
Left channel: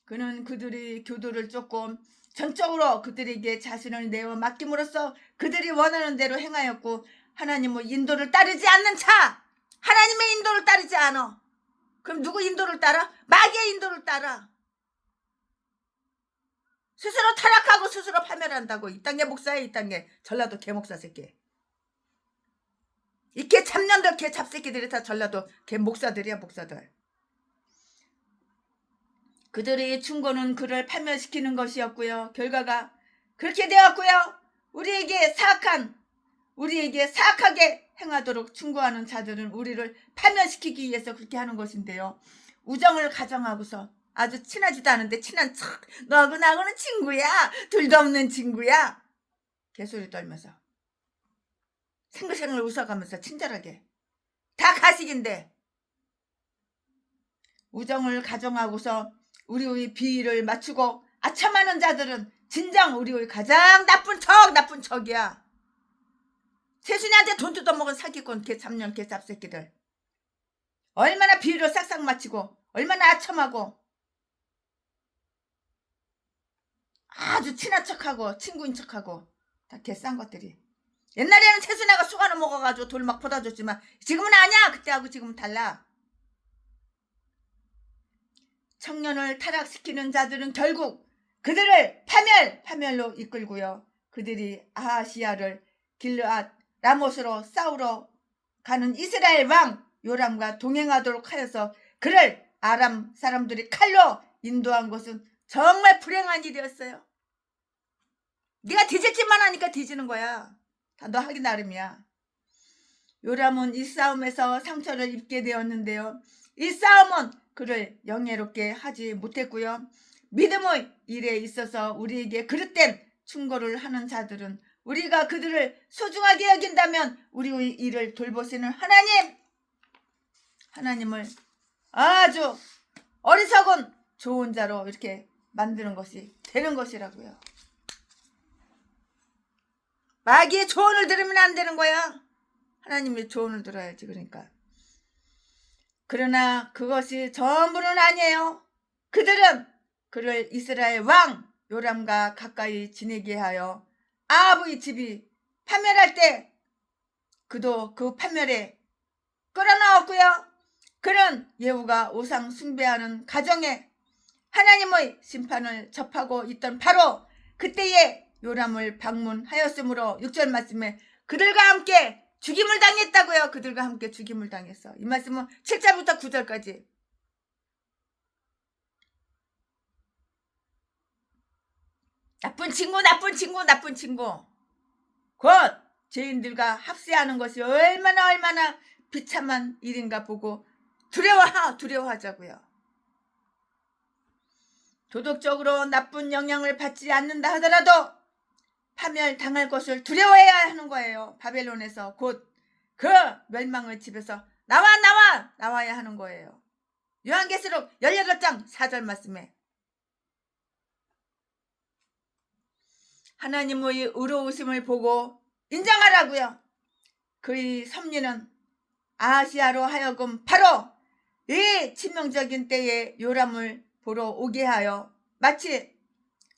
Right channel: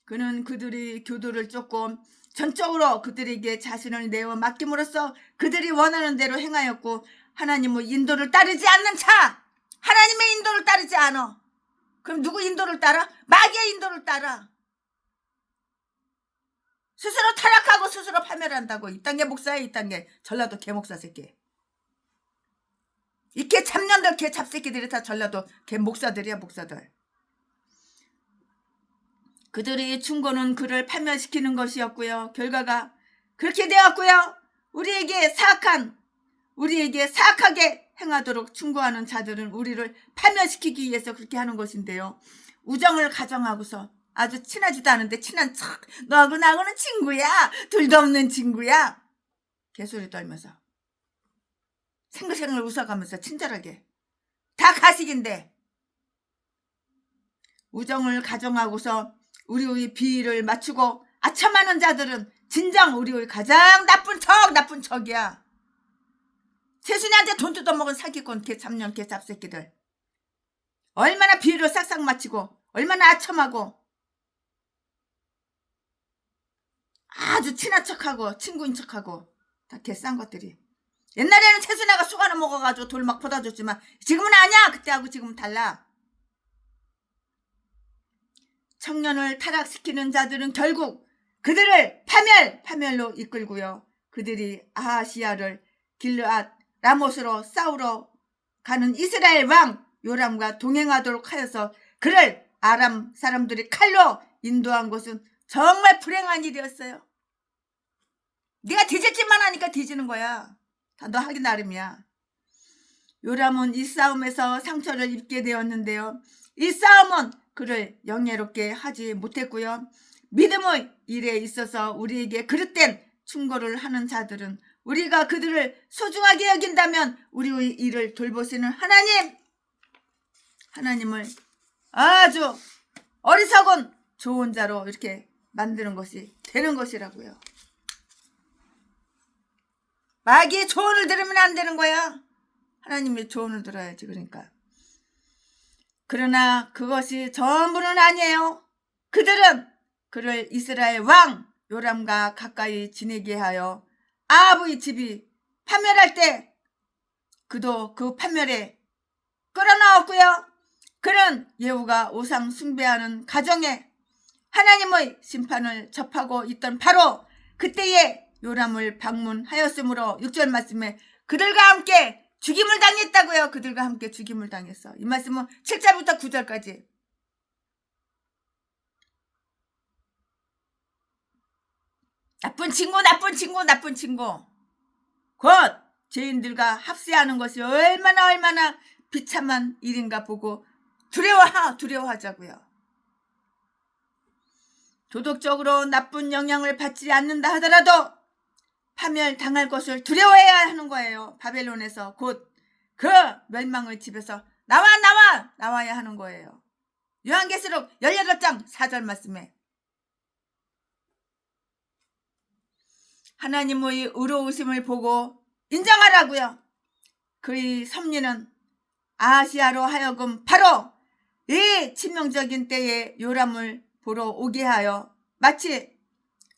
그는 그들이 교도를 쫓고 전적으로 그들에게 자신을 내어 맡김으로써 그들이 원하는 대로 행하였고, 하나님의 인도를 따르지 않는 자, 하나님의 인도를 따르지 않아. 그럼 누구 인도를 따라? 마귀의 인도를 따라. 스스로 타락하고 스스로 파멸한다고. 이딴 게 목사야. 이딴 게 전라도 개목사 새끼. 이 개 참년들 개 잡새끼들이 다 전라도 개 목사들이야 목사들. 그들의 충고는 그를 파멸시키는 것이었고요. 결과가 그렇게 되었고요. 우리에게 사악하게 행하도록 충고하는 자들은 우리를 파멸시키기 위해서 그렇게 하는 것인데요. 우정을 가정하고서 아주 친하지도 않은데 친한 척, 너하고 나하고는 친구야, 둘도 없는 친구야, 개소리 떨면서 생글생글 웃어가면서 친절하게. 다 가식인데. 우정을 가정하고서 우리의 비위를 맞추고 아첨하는 자들은 진정 우리의 가장 나쁜 척이야. 세순이한테 돈 뜯어먹은 사기꾼 개참년 개잡새끼들. 얼마나 비위를 싹싹 맞추고 얼마나 아첨하고 아주 친한 척하고 친구인 척하고 다 개싼 것들이. 옛날에는 채순이가 쑥 하나 먹어가지고 돌 막 퍼다줬지만 지금은 아니야. 그때하고 지금은 달라. 청년을 타락시키는 자들은 결국 그들을 파멸로 이끌고요. 그들이 아하시야를 길르앗 라못으로 싸우러 가는 이스라엘 왕 요람과 동행하도록 하여서 그를 아람 사람들이 칼로 인도한 것은 정말 불행한 일이었어요. 네가 뒤질짓만 하니까 뒤지는 거야. 다 너 하기 나름이야. 요람은 이 싸움에서 상처를 입게 되었는데요. 이 싸움은 그를 영예롭게 하지 못했고요. 믿음의 일에 있어서 우리에게 그릇된 충고를 하는 자들은 우리가 그들을 소중하게 여긴다면 우리의 일을 돌보시는 하나님을 아주 어리석은 좋은 자로 이렇게 만드는 것이 되는 것이라고요. 마귀의 조언을 들으면 안 되는 거야. 하나님의 조언을 들어야지. 그러나 그것이 전부는 아니에요. 그들은 그를 이스라엘 왕 요람과 가까이 지내게 하여 아합의 집이 파멸할 때 그도 그 파멸에 끌어나왔고요. 그는 예후가 우상 숭배하는 가정에 하나님의 심판을 접하고 있던 바로 그때에 요람을 방문하였으므로 6절 말씀에 그들과 함께 죽임을 당했다고요. 그들과 함께 죽임을 당했어. 이 말씀은 7절부터 9절까지. 나쁜 친구. 곧 죄인들과 합세하는 것이 얼마나 비참한 일인가 보고 두려워하자고요. 도덕적으로 나쁜 영향을 받지 않는다 하더라도 파멸당할 것을 두려워해야 하는 거예요. 바벨론에서 곧 그 멸망의 집에서 나와야 하는 거예요. 요한계시록 18장 4절 말씀에 하나님의 의로우심을 보고 인정하라고요. 그의 섭리는 아시아로 하여금 바로 이 치명적인 때에 요람을 보러 오게 하여 마치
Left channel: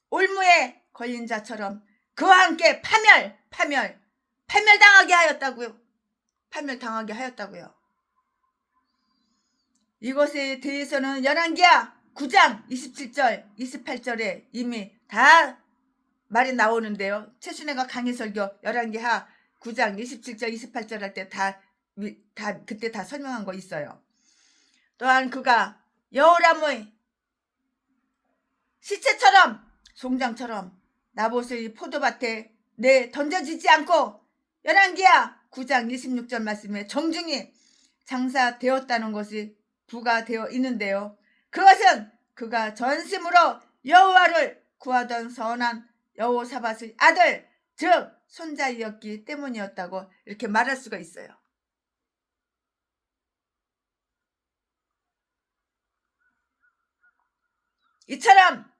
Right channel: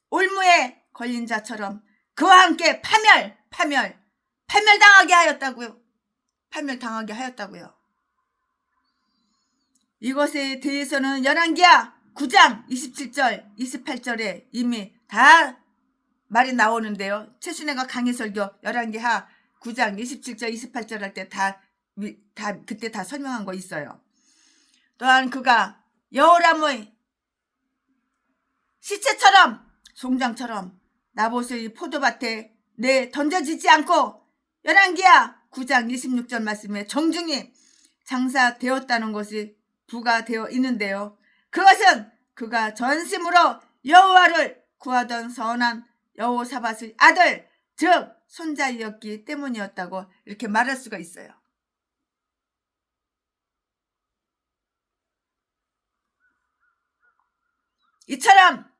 올무에 걸린 자처럼 그와 함께 파멸당하게 하였다고요. 이것에 대해서는 열왕기하 9장 27절 28절에 이미 다 말이 나오는데요. 최순애가 강의설교 열왕기하 9장 27절 28절 할 때 그때 다 설명한 거 있어요. 또한 그가 여호람의 시체처럼 송장처럼 나봇의 포도밭에 던져지지 않고 열왕기하 9장 26절 말씀에 정중히 장사되었다는 것이 부가되어 있는데요. 그것은 그가 전심으로 여호와를 구하던 선한 여호사밧의 아들 즉 손자이었기 때문이었다고 이렇게 말할 수가 있어요. 이처럼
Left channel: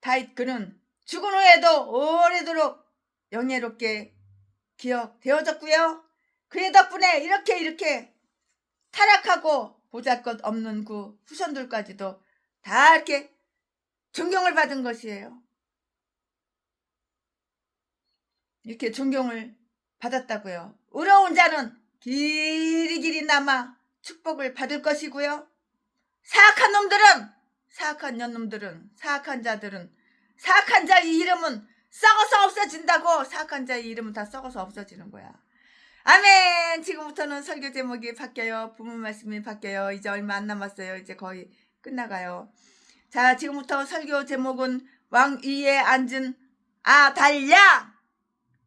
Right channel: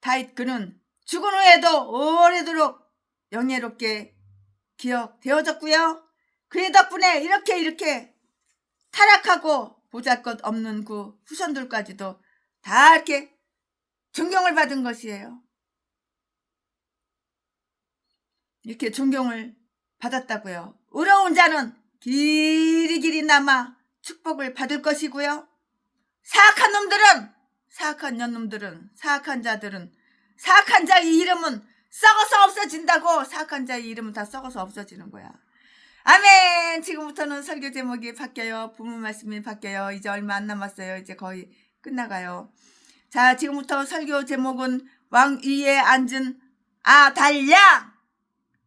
다윗 그는 죽은 후에도 오래도록 영예롭게 기억되어졌고요. 그의 덕분에 이렇게 타락하고 보잘것없는 그 후손들까지도 다 이렇게 존경을 받은 것이에요. 이렇게 존경을 받았다고요. 의로운 자는 길이 남아 축복을 받을 것이고요. 사악한 년놈들은 사악한 자들은 사악한 자의 이름은 썩어서 없어진다고. 사악한 자의 이름은 다 썩어서 없어지는 거야. 아멘. 지금부터는 설교 제목이 바뀌어요. 부문 말씀이 바뀌어요. 이제 얼마 안 남았어요. 이제 거의 끝나가요. 자, 지금부터 설교 제목은 왕 위에 앉은 아달랴.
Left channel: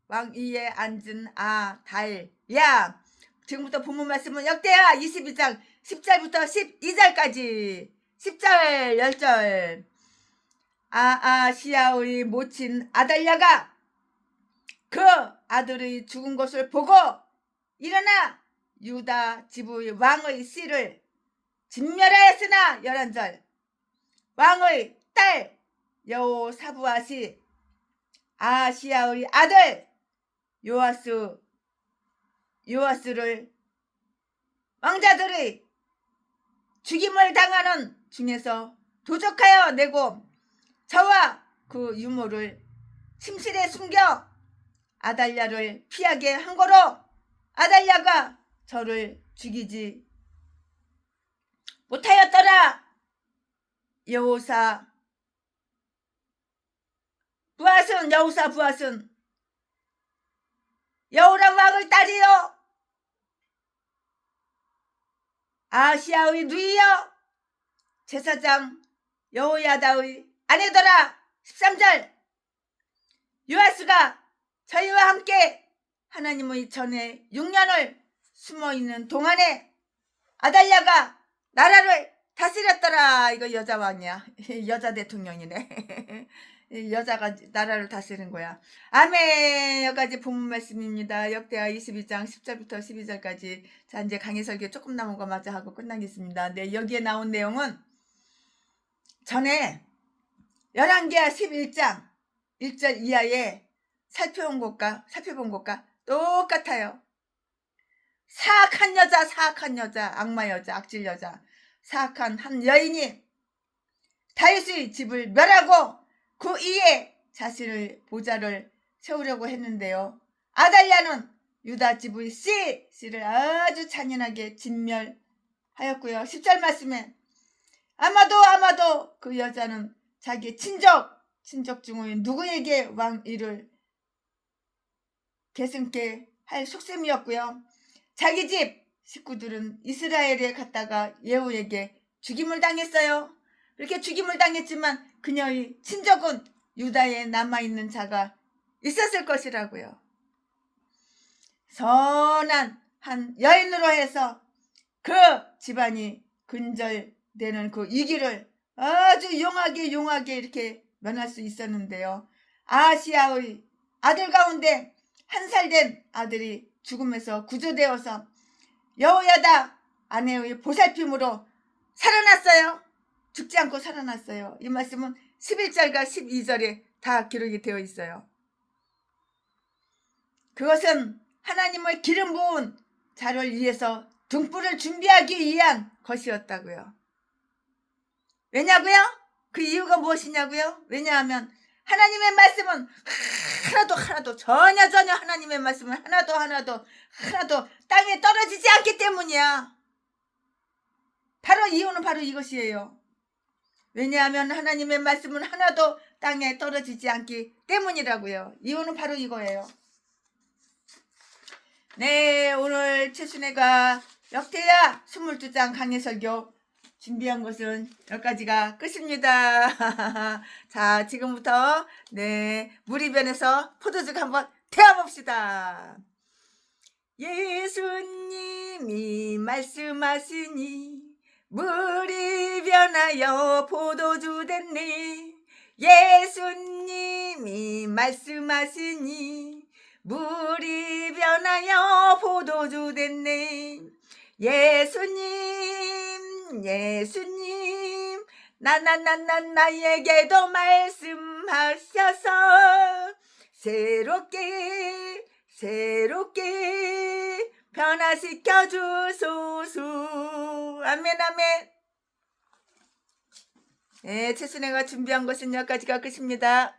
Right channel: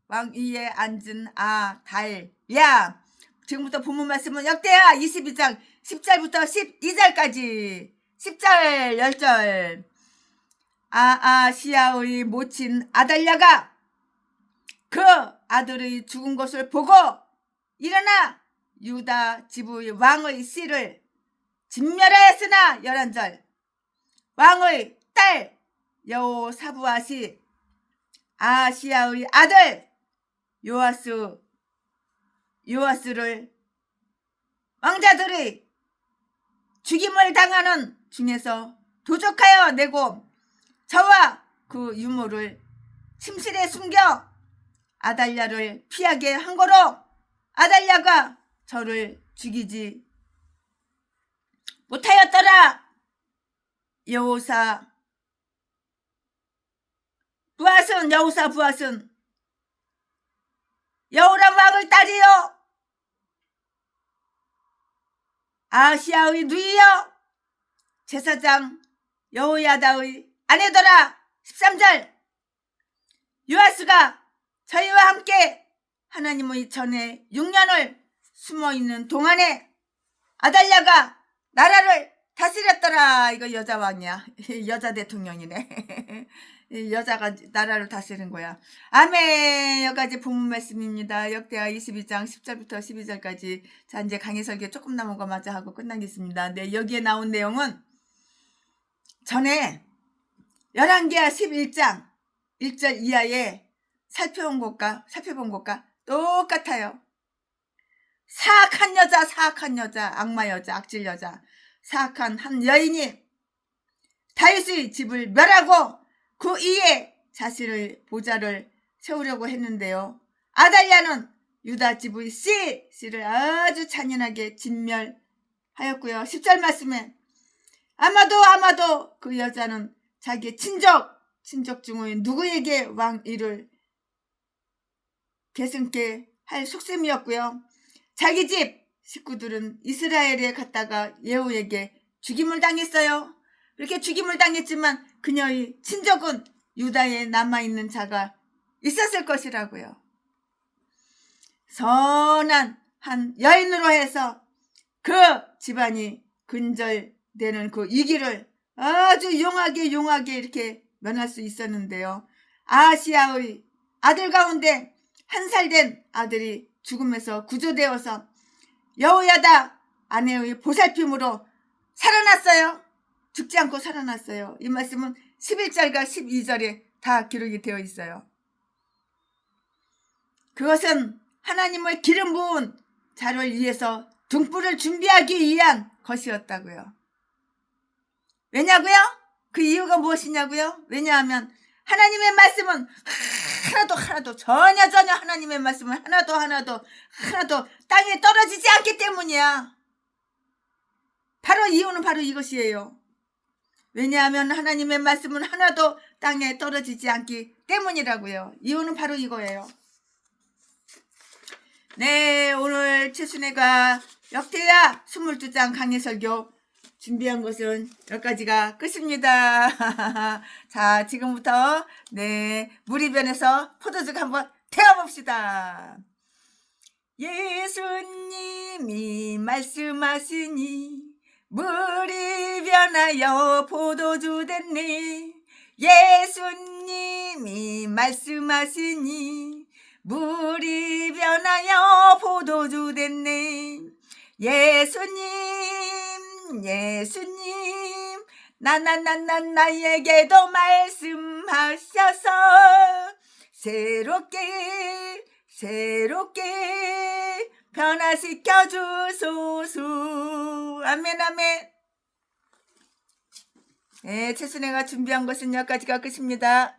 왕 위에 앉은 아달랴. 지금부터 부문 말씀은 역대하 22장 10절부터 12절까지. 10절 10절. 아시아의 모친 아달랴가 그 아들의 죽은 것을 보고 일어나 유다 지부의 왕의 씨를 진멸하였으나 11절. 왕의 딸 여호사부앗이 아시아의 아들 요아스를 왕자들의 죽임을 당하는 중에서 도적하여 내고 저와 그 유모를 침실에 숨겨 아달랴를 피하게 한 거로 아달랴가 저를 죽이지 못하였더라. 여호사 부앗은 여호람 왕의 딸이요 아시아의 누이요 제사장 여호야다의 아내더라. 13절. 요아스가 저희와 함께 하나님의 전에 6년을 숨어있는 동안에 아달랴가 나라를 다스렸더라. 이거 여자 왕이야. 여자 대통령이네. 이 여자가 나라를 다스리는 거야. 아멘. 여기까지 본문 말씀입니다. 역대하 22장 10절부터 12절까지. 자, 이제 강의 설교 조금 남은 거 마저 하고 끝나겠습니다. 네, 여기에 나온 내용은 전에 열왕기하 11장 1절 이하에 살펴본 것과 똑같아요. 사악한 여자, 악마 여자, 악질 여자, 사악한 한 여인이 다윗의 집을 멸하고 그 위에 자신의 보좌를 세우려고 했는데요. 아달랴는 유다 집의 씨를 아주 잔인하게 진멸하였고요. 10절 말씀에 아마도 그 여자는 자기 친족 중의 누구에게 왕위를 계승케 할 속셈이었고요. 자기 집 식구들은 이스라엘에 갔다가 예후에게 죽임을 당했어요. 이렇게 죽임을 당했지만 그녀의 친족은 유다에 남아있는 자가 있었을 것이라고요. 선한 한 여인으로 해서 그 집안이 근절되는 그 위기를 아주 용하게 이렇게 면할 수 있었는데요. 아하시야의 아들 가운데 1살 된 아들이 죽음에서 구조되어서 여호야다 아내의 보살핌으로 살아났어요. 죽지 않고 살아났어요. 이 말씀은 11절과 12절에 다 기록이 되어 있어요. 그것은 하나님을 기름 부은 자를 위해서 등불을 준비하기 위한 것이었다고요. 왜냐고요? 그 이유가 무엇이냐고요? 왜냐하면 하나님의 말씀은 하나도 전혀 하나님의 말씀은 하나도 땅에 떨어지지 않기 때문이야. 이유는 바로 이것이에요. 왜냐하면 하나님의 말씀은 하나도 땅에 떨어지지 않기 때문이라고요. 이유는 바로 이거예요. 네, 오늘 최순애가 역대하 22장 강의 설교 준비한 것은 여기까지가 끝입니다. 자, 지금부터 무리변에서 포도주 한번 태워봅시다. 예수님이 말씀하시니 물이 변하여 포도주 됐네. 예수님이 말씀하시니 물이 변하여 포도주 됐네. 예수님 나에게도 말씀하셔서 새롭게 변화시켜 주소서. 아멘. 네, 최순애가 준비한 것은 여기까지가 끝입니다.